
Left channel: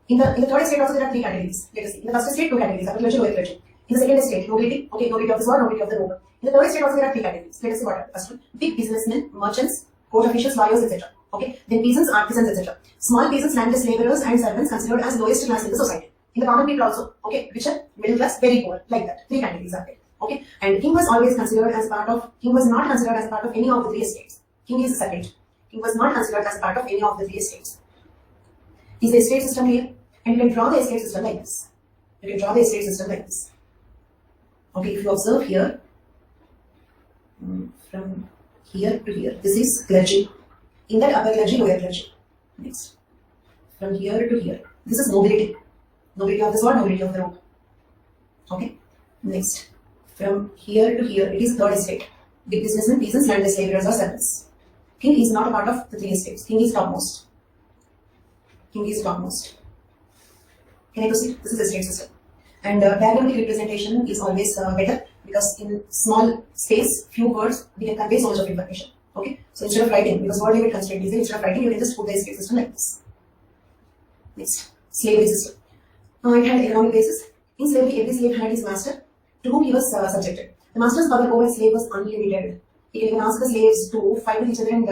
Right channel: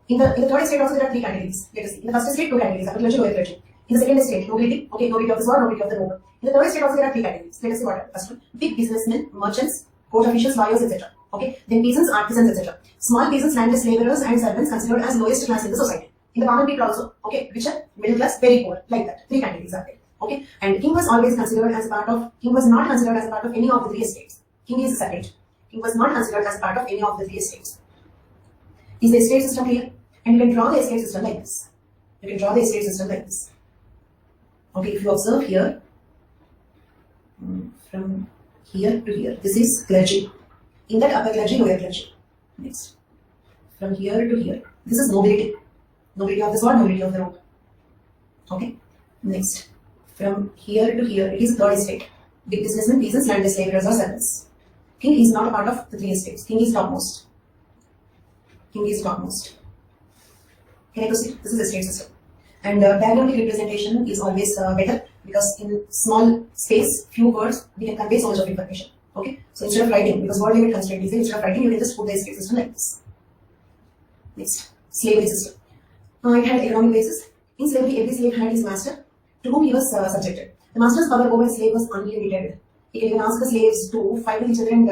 In the third estate also there are three categories. Let us see. In the first estate, two categories, upper clergy, lower clergy. In the second estate, nobility, okay, nobility of the sword, nobility of the noble. In the third estate also there are three categories. Let us see what are the first one. Big businessmen, merchants, court officials, lawyers, etc. Okay, then peasants, artisans, etc. Small peasants, landless laborers and servants considered as lowest class in the society. In the common people also, okay, richer, middle class, very poor, like that. Three categories are there. Okay, and king was always considered as part of, king was not considered as a part of any of the three estates. King is separate. King was not considered as part of any of the three estates. Is the estate system clear? And you can draw the estate system like this. Okay, if you observe here, from here to here, this is clergy. In that upper clergy, lower clergy. Next, from here to here, this is nobility. Nobility of the sword, nobility of the robe. Okay, next, from here to here, it is third estate. Big businessmen, peasants, landless laborers or servants. King is not a part of the three estates. King is topmost. Can I proceed? This is the estate system. And diagrammatic representation is always better, because in small space, few words, we can convey so much of information. Okay, so instead of writing, because word limit constraint is there, instead of writing, you can just put the estate system like this. Next, slavery system. It had economic basis. In slavery, every slave had his master, to whom he was subjected. The master's power over a slave was unlimited. He can even ask the slaves to fight with each other and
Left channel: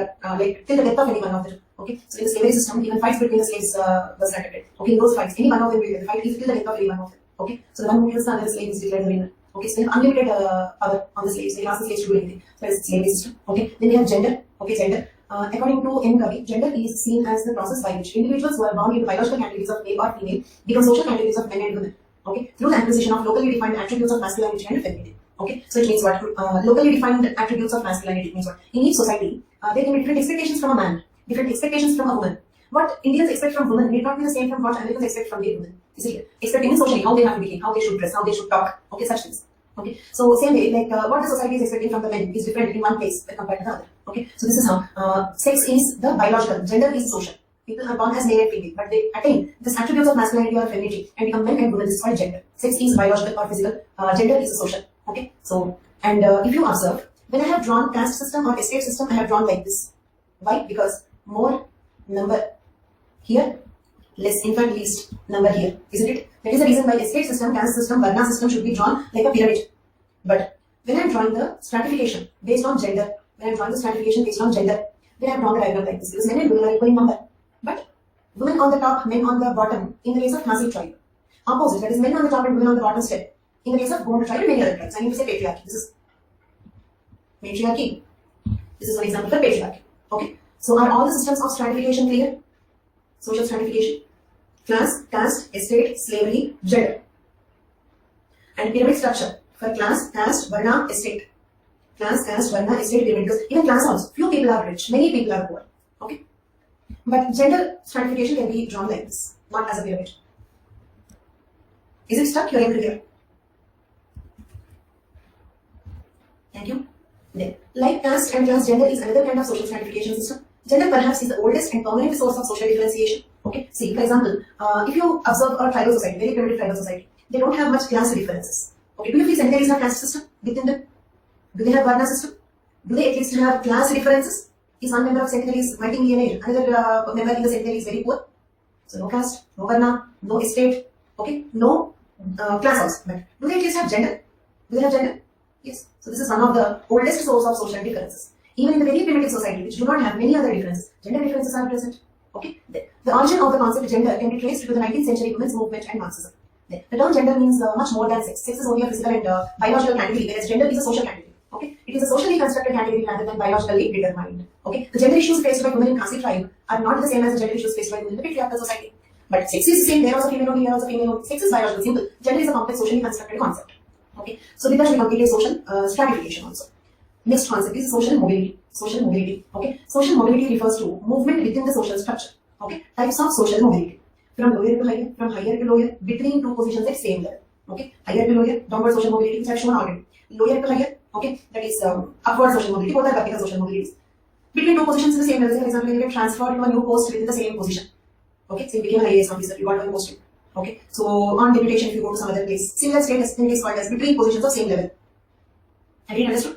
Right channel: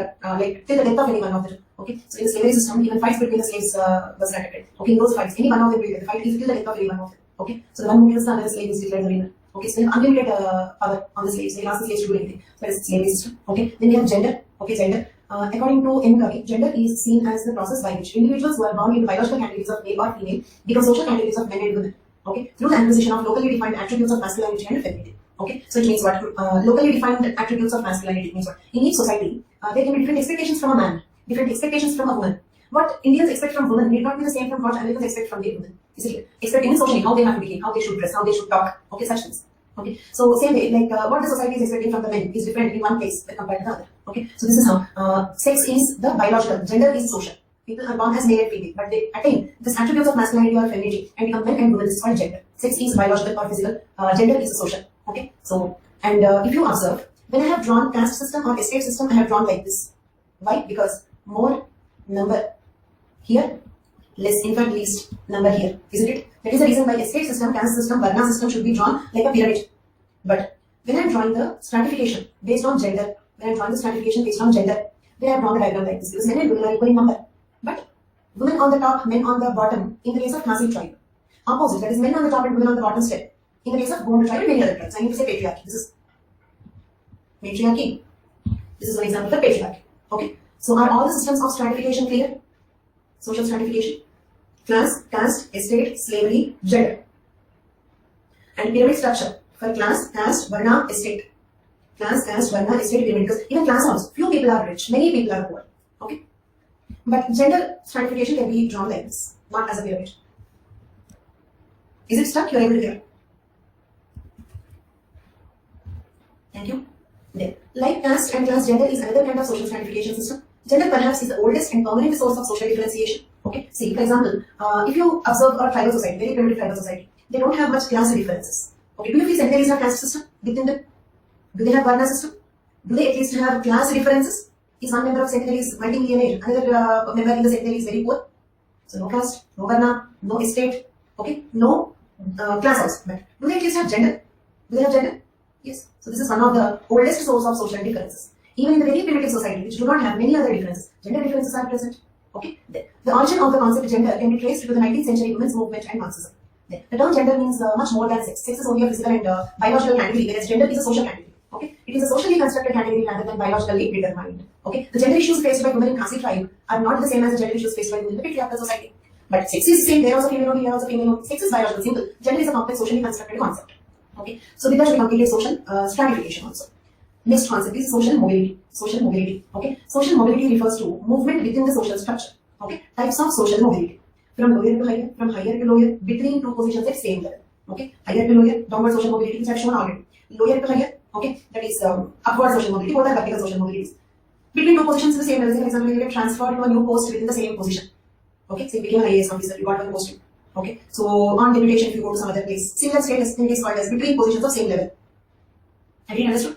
till the death of any one of them. Okay, so in the slavery system, even fights between the slaves was conducted. Okay, in those fights, any one of them will fight till the death of any one of them. Okay, so the one who kills the other slave is declared the winner. Okay, so they have unlimited power on the slaves. They can ask the slaves to do anything. So that is the slavery system. Okay, then we have gender. Okay, gender. According to N. Covey, gender is seen as the process by which individuals who are born into biological categories of male or female become social categories of men and women. Okay, through the acquisition of locally defined attributes of masculinity and femininity. Okay, so it means what? Locally defined attributes of masculinity means what? In each society, there can be different expectations from a man, different expectations from a woman. What Indians expect from women may not be the same from what Americans expect from their women. Is it expecting socially how they have to behave, how they should dress, how they should talk? Okay, such things. Okay, so same way, like what the society is expecting from the men is different in one place when compared to the other. Okay, so this is how sex is the biological, gender is social. People are born as male and female, but they attain this attributes of masculinity or femininity and become men and women. This is called gender. Sex is biological or physical. Gender is social. Okay, so and if you observe, when I have drawn caste system or estate system, I have drawn like this. Why? Because more number here, less infant, least number here, isn't it? That is the reason why estate system, caste system, varna system should be drawn like a pyramid. But when I am drawing the stratification based on gender, then I am drawn the diagram like this, because men and women are equal in number. But women on the top, men on the bottom, in the case of classic tribe. Opposite, that is men on the top and women on the bottom step. In the case of Gond tribe and many other tribes, I need to say patriarchy. This is matriarchy. This is one example for patriarchy. Okay. So are all the systems of stratification clear? Social stratification, class, caste, estate, slavery, gender. And pyramid structure for class, caste, varna, estate. Class, caste, varna, estate, pyramid. Because even class also, few people are rich, many people are poor. Okay. But gender stratification can be drawn like this, not as a pyramid. Is it stuck? You are able to hear. Thank you. Then, like caste and class, gender is another kind of social stratification system. Gender perhaps is the oldest and permanent source of social differentiation. Okay, see, for example, if you observe a tribal society, very primitive tribal society, they don't have much class differences. Okay, do you feel cemeteries have caste system within them? Do they have Varna system? Do they at least have class differences? Is one member of cemeteries multi-millionaire, another member in the cemetery is very poor? So no caste, no Varna, no estate, okay, no class also. But do they at least have gender? Do they have gender? Yes. So this is one of the oldest source of social differences. Even in the very primitive society, which do not have many other differences, gender differences are present. Okay. The origin of the concept gender can be traced to the 19th century women's movement and Marxism. The term gender means much more than sex. Sex is only a physical and biological category, whereas gender is a social category. Okay, it is a socially constructed category rather than biologically determined. Okay, the gender issues faced by women in Khasi tribe are not the same as the gender issues faced by women in the patriarchal society. But sex is the same. There also female, here also female. Sex is biological, simple. Gender is a complex socially constructed concept. Okay, so with that we completed social stratification also. Next concept is social mobility. Social mobility. Okay, social mobility refers to movement within the social structure. Okay, types of social mobility: from lower to higher, from higher to lower, between two positions at same level. Okay, higher to lower, downward social mobility, which I have shown already. Lower to higher, okay, that is upward social mobility, both are vertical social mobilities. Between two positions in the same level, for example, you get transferred to a new post within the same position. Okay, so you became an IAS officer, you got a posting. Okay, so on deputation, if you go to some other place, similar status, it is called as between positions of same level. Have you understood?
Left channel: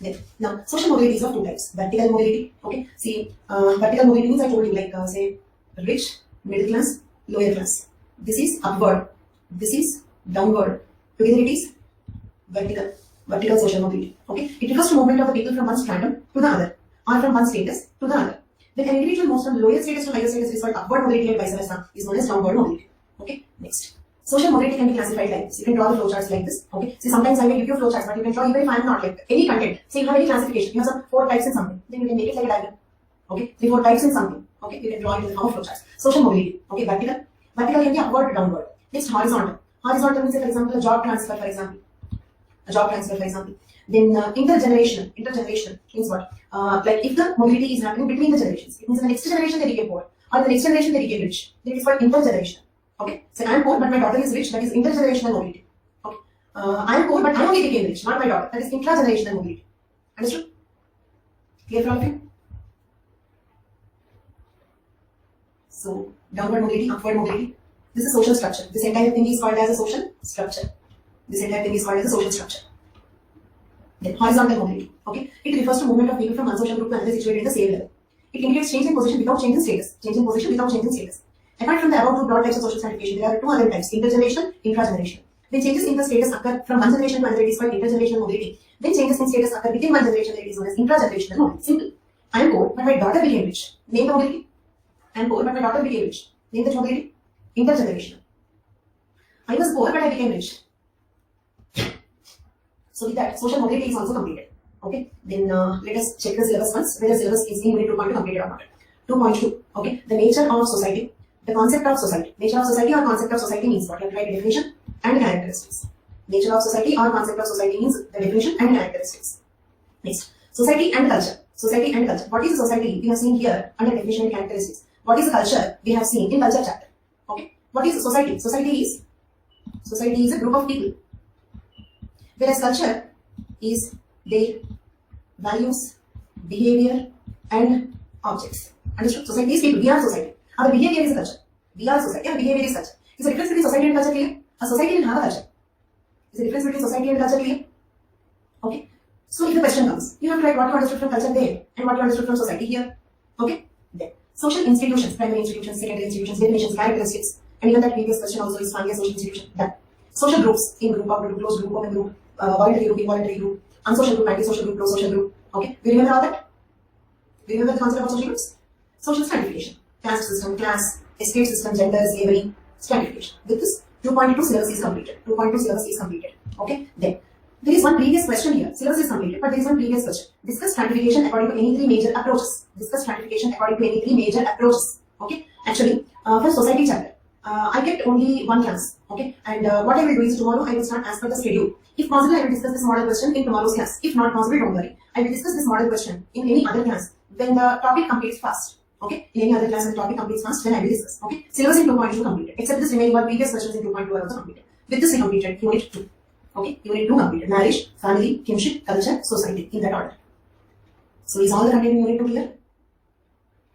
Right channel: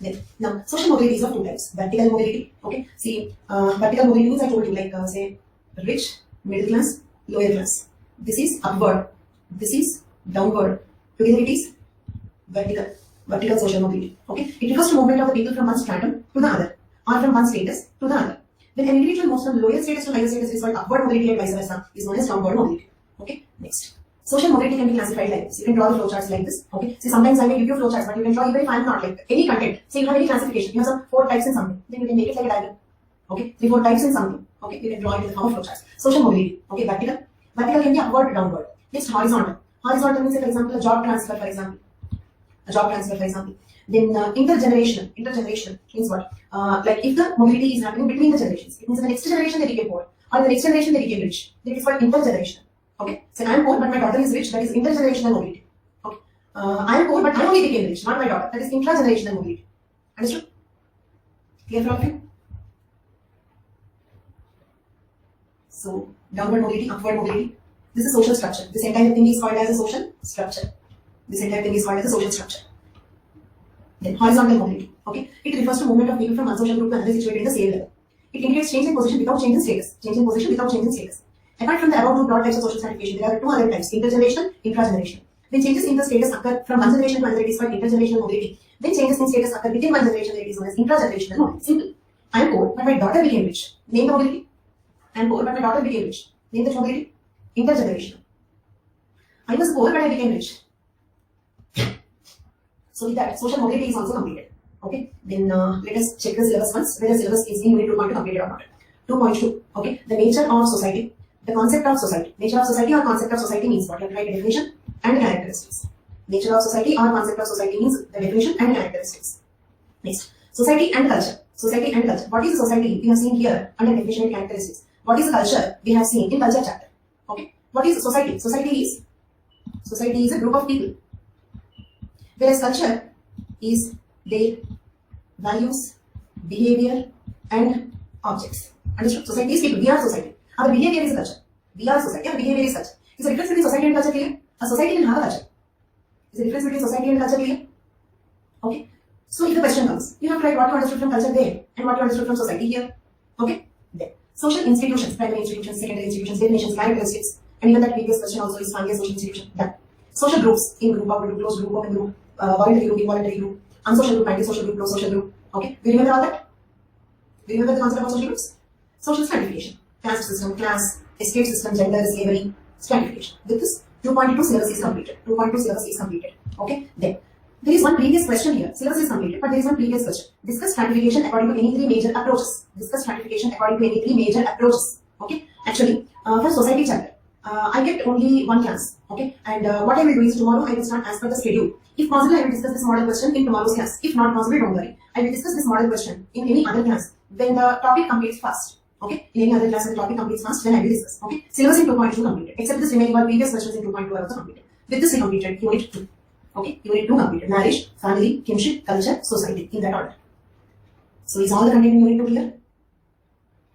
Then, now, social mobility is of two types. Vertical mobility. Okay, see, vertical mobility means I told you, like say, rich, middle class, lower class. This is upward. This is downward. Together it is vertical social mobility. Okay, it refers to movement of the people from one stratum to the other, or from one status to the other. When an individual moves from lower status to higher status is called upward mobility, and vice versa is known as downward mobility. Okay, next. Social mobility can be classified like this. You can draw the flowcharts like this. Okay, see, sometimes I may give you flowcharts, but you can draw even if I am not like any content. Say you have any classification, you have some 4 types in something, then you can make it like a diagram. Okay, 3, 4 types in something. Okay, you can draw it in the form of flowcharts. Social mobility. Okay, vertical. Vertical can be upward to downward. Next, horizontal. Horizontal means, for example, a job transfer, for example. A job transfer, for example. Then intergenerational. Intergenerational means what? Like if the mobility is happening between the generations, it means in the next generation they became poor, or in the next generation they became rich. Then it is called intergenerational. Okay, so I am poor but my daughter is rich. That is intergenerational mobility. Okay, I am poor but I only became rich, not my daughter. That is intragenerational mobility. Understood? Clear for all of you? So downward mobility, upward mobility. This is social structure. This entire thing is called as a social structure. This entire thing is called as a social structure. Then horizontal mobility. Okay, it refers to movement of people from one social group to another situated in the same level. It indicates change in position without change in status. Change in position without change in status. Apart from the above two broad types of social stratification, there are 2 other types: intergenerational, intragenerational. When changes in the status occur from one generation to another, it is called intergenerational mobility. When changes in status occur within one generation, it is known as intragenerational mobility. Simple. I am poor, but my daughter became rich. Name the mobility. I am poor, but my daughter became rich. Name the mobility. Intergenerational. I was poor, but I became rich. So with that, social mobility is also completed. Okay. Then let us check the syllabus once. Whether the syllabus is in unit 2.2 completed or not. 2.2. Okay. The nature of society. The concept of society. Nature of society or concept of society means what? You have to write a definition and characteristics. Nature of society or concept of society means the definition and characteristics. Next, society and culture. Society and culture. What is a society? We have seen here under definition and characteristics. What is a culture? We have seen in culture chapter. Okay. What is society? Society is a group of people. Whereas culture is their values, behavior, and objects. Understood? Society is people. We are society. Our behavior is culture. We are society. Our behavior is culture. Is the difference between society and culture clear? A society will have a culture. Is the difference between society and culture clear? Okay. So if the question comes, you have to write what you understood from culture there and what you understood from society here. Okay. Then social institutions, primary institutions, secondary institutions, definitions, characteristics, and even that previous question also is finally a social institution. Done. Social groups: in group, out group, closed group, open group, voluntary group, involuntary group, unsocial group, anti-social group, pro-social group. Okay. Do you remember all that? Do you remember the concept of social groups? Social stratification. Caste system, class, estate system, gender, slavery, stratification. With this, 2.2 syllabus is completed. 2.2 syllabus is completed. Okay. Then, there is one previous question here. Syllabus is completed, but there is one previous question. Discuss stratification according to any 3 major approaches. Discuss stratification according to any 3 major approaches. Okay. Actually, for society chapter, I get only 1 class. Okay. And what I will do is tomorrow I will start as per the schedule. If possible, I will discuss this model question in tomorrow's class. If not possible, don't worry. I will discuss this model question in any other class when the topic completes fast. Okay, in any other class when the topic completes fast, then I will discuss. Okay, syllabus in 2.2 completed, except this remaining one previous questions in 2.2 are also completed. With this we completed unit 2. Okay, unit 2 completed. Marriage, family, kinship, culture, society, in that order. So is all the content in unit 2 here?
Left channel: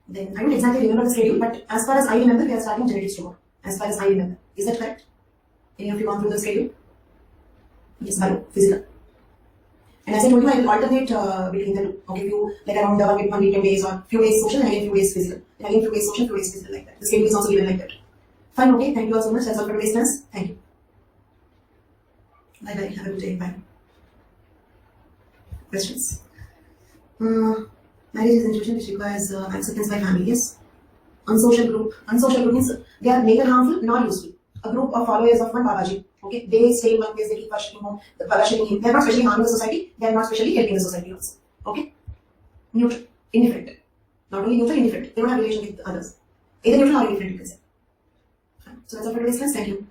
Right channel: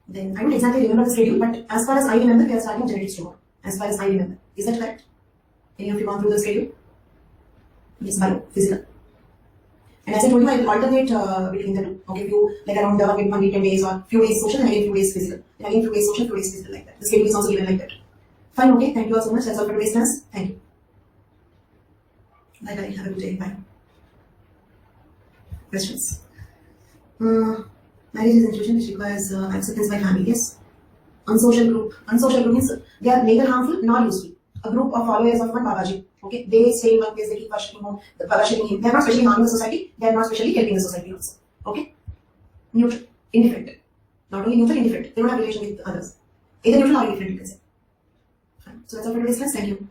Then I don't exactly remember the schedule, but as far as I remember, we are starting genetics tomorrow. As far as I remember. Is that correct? Any of you gone through the schedule? Yes, hello, physical. And as I told you, I will alternate between the two. Okay, few like around 1 week, 10 days, or few days social, and again few days physical. And again few days social, few days physical, like that. The schedule is also given like that. Fine, okay, thank you all so much. That's all for today's class. Thank you. Bye bye. Have a good day. Bye. Questions? Marriage is an institution which requires acceptance by family. Yes. Unsocial group. Unsocial group means they are neither harmful nor useful. A group of followers of one Babaji. Okay, they stay in one place, they keep worshipping him. They are not specially harming the society, they are not specially helping the society also. Okay? Neutral, indifferent. Not only neutral, indifferent. They don't have relation with others. Either neutral or indifferent, you can say. So that's all for today's class. Thank you.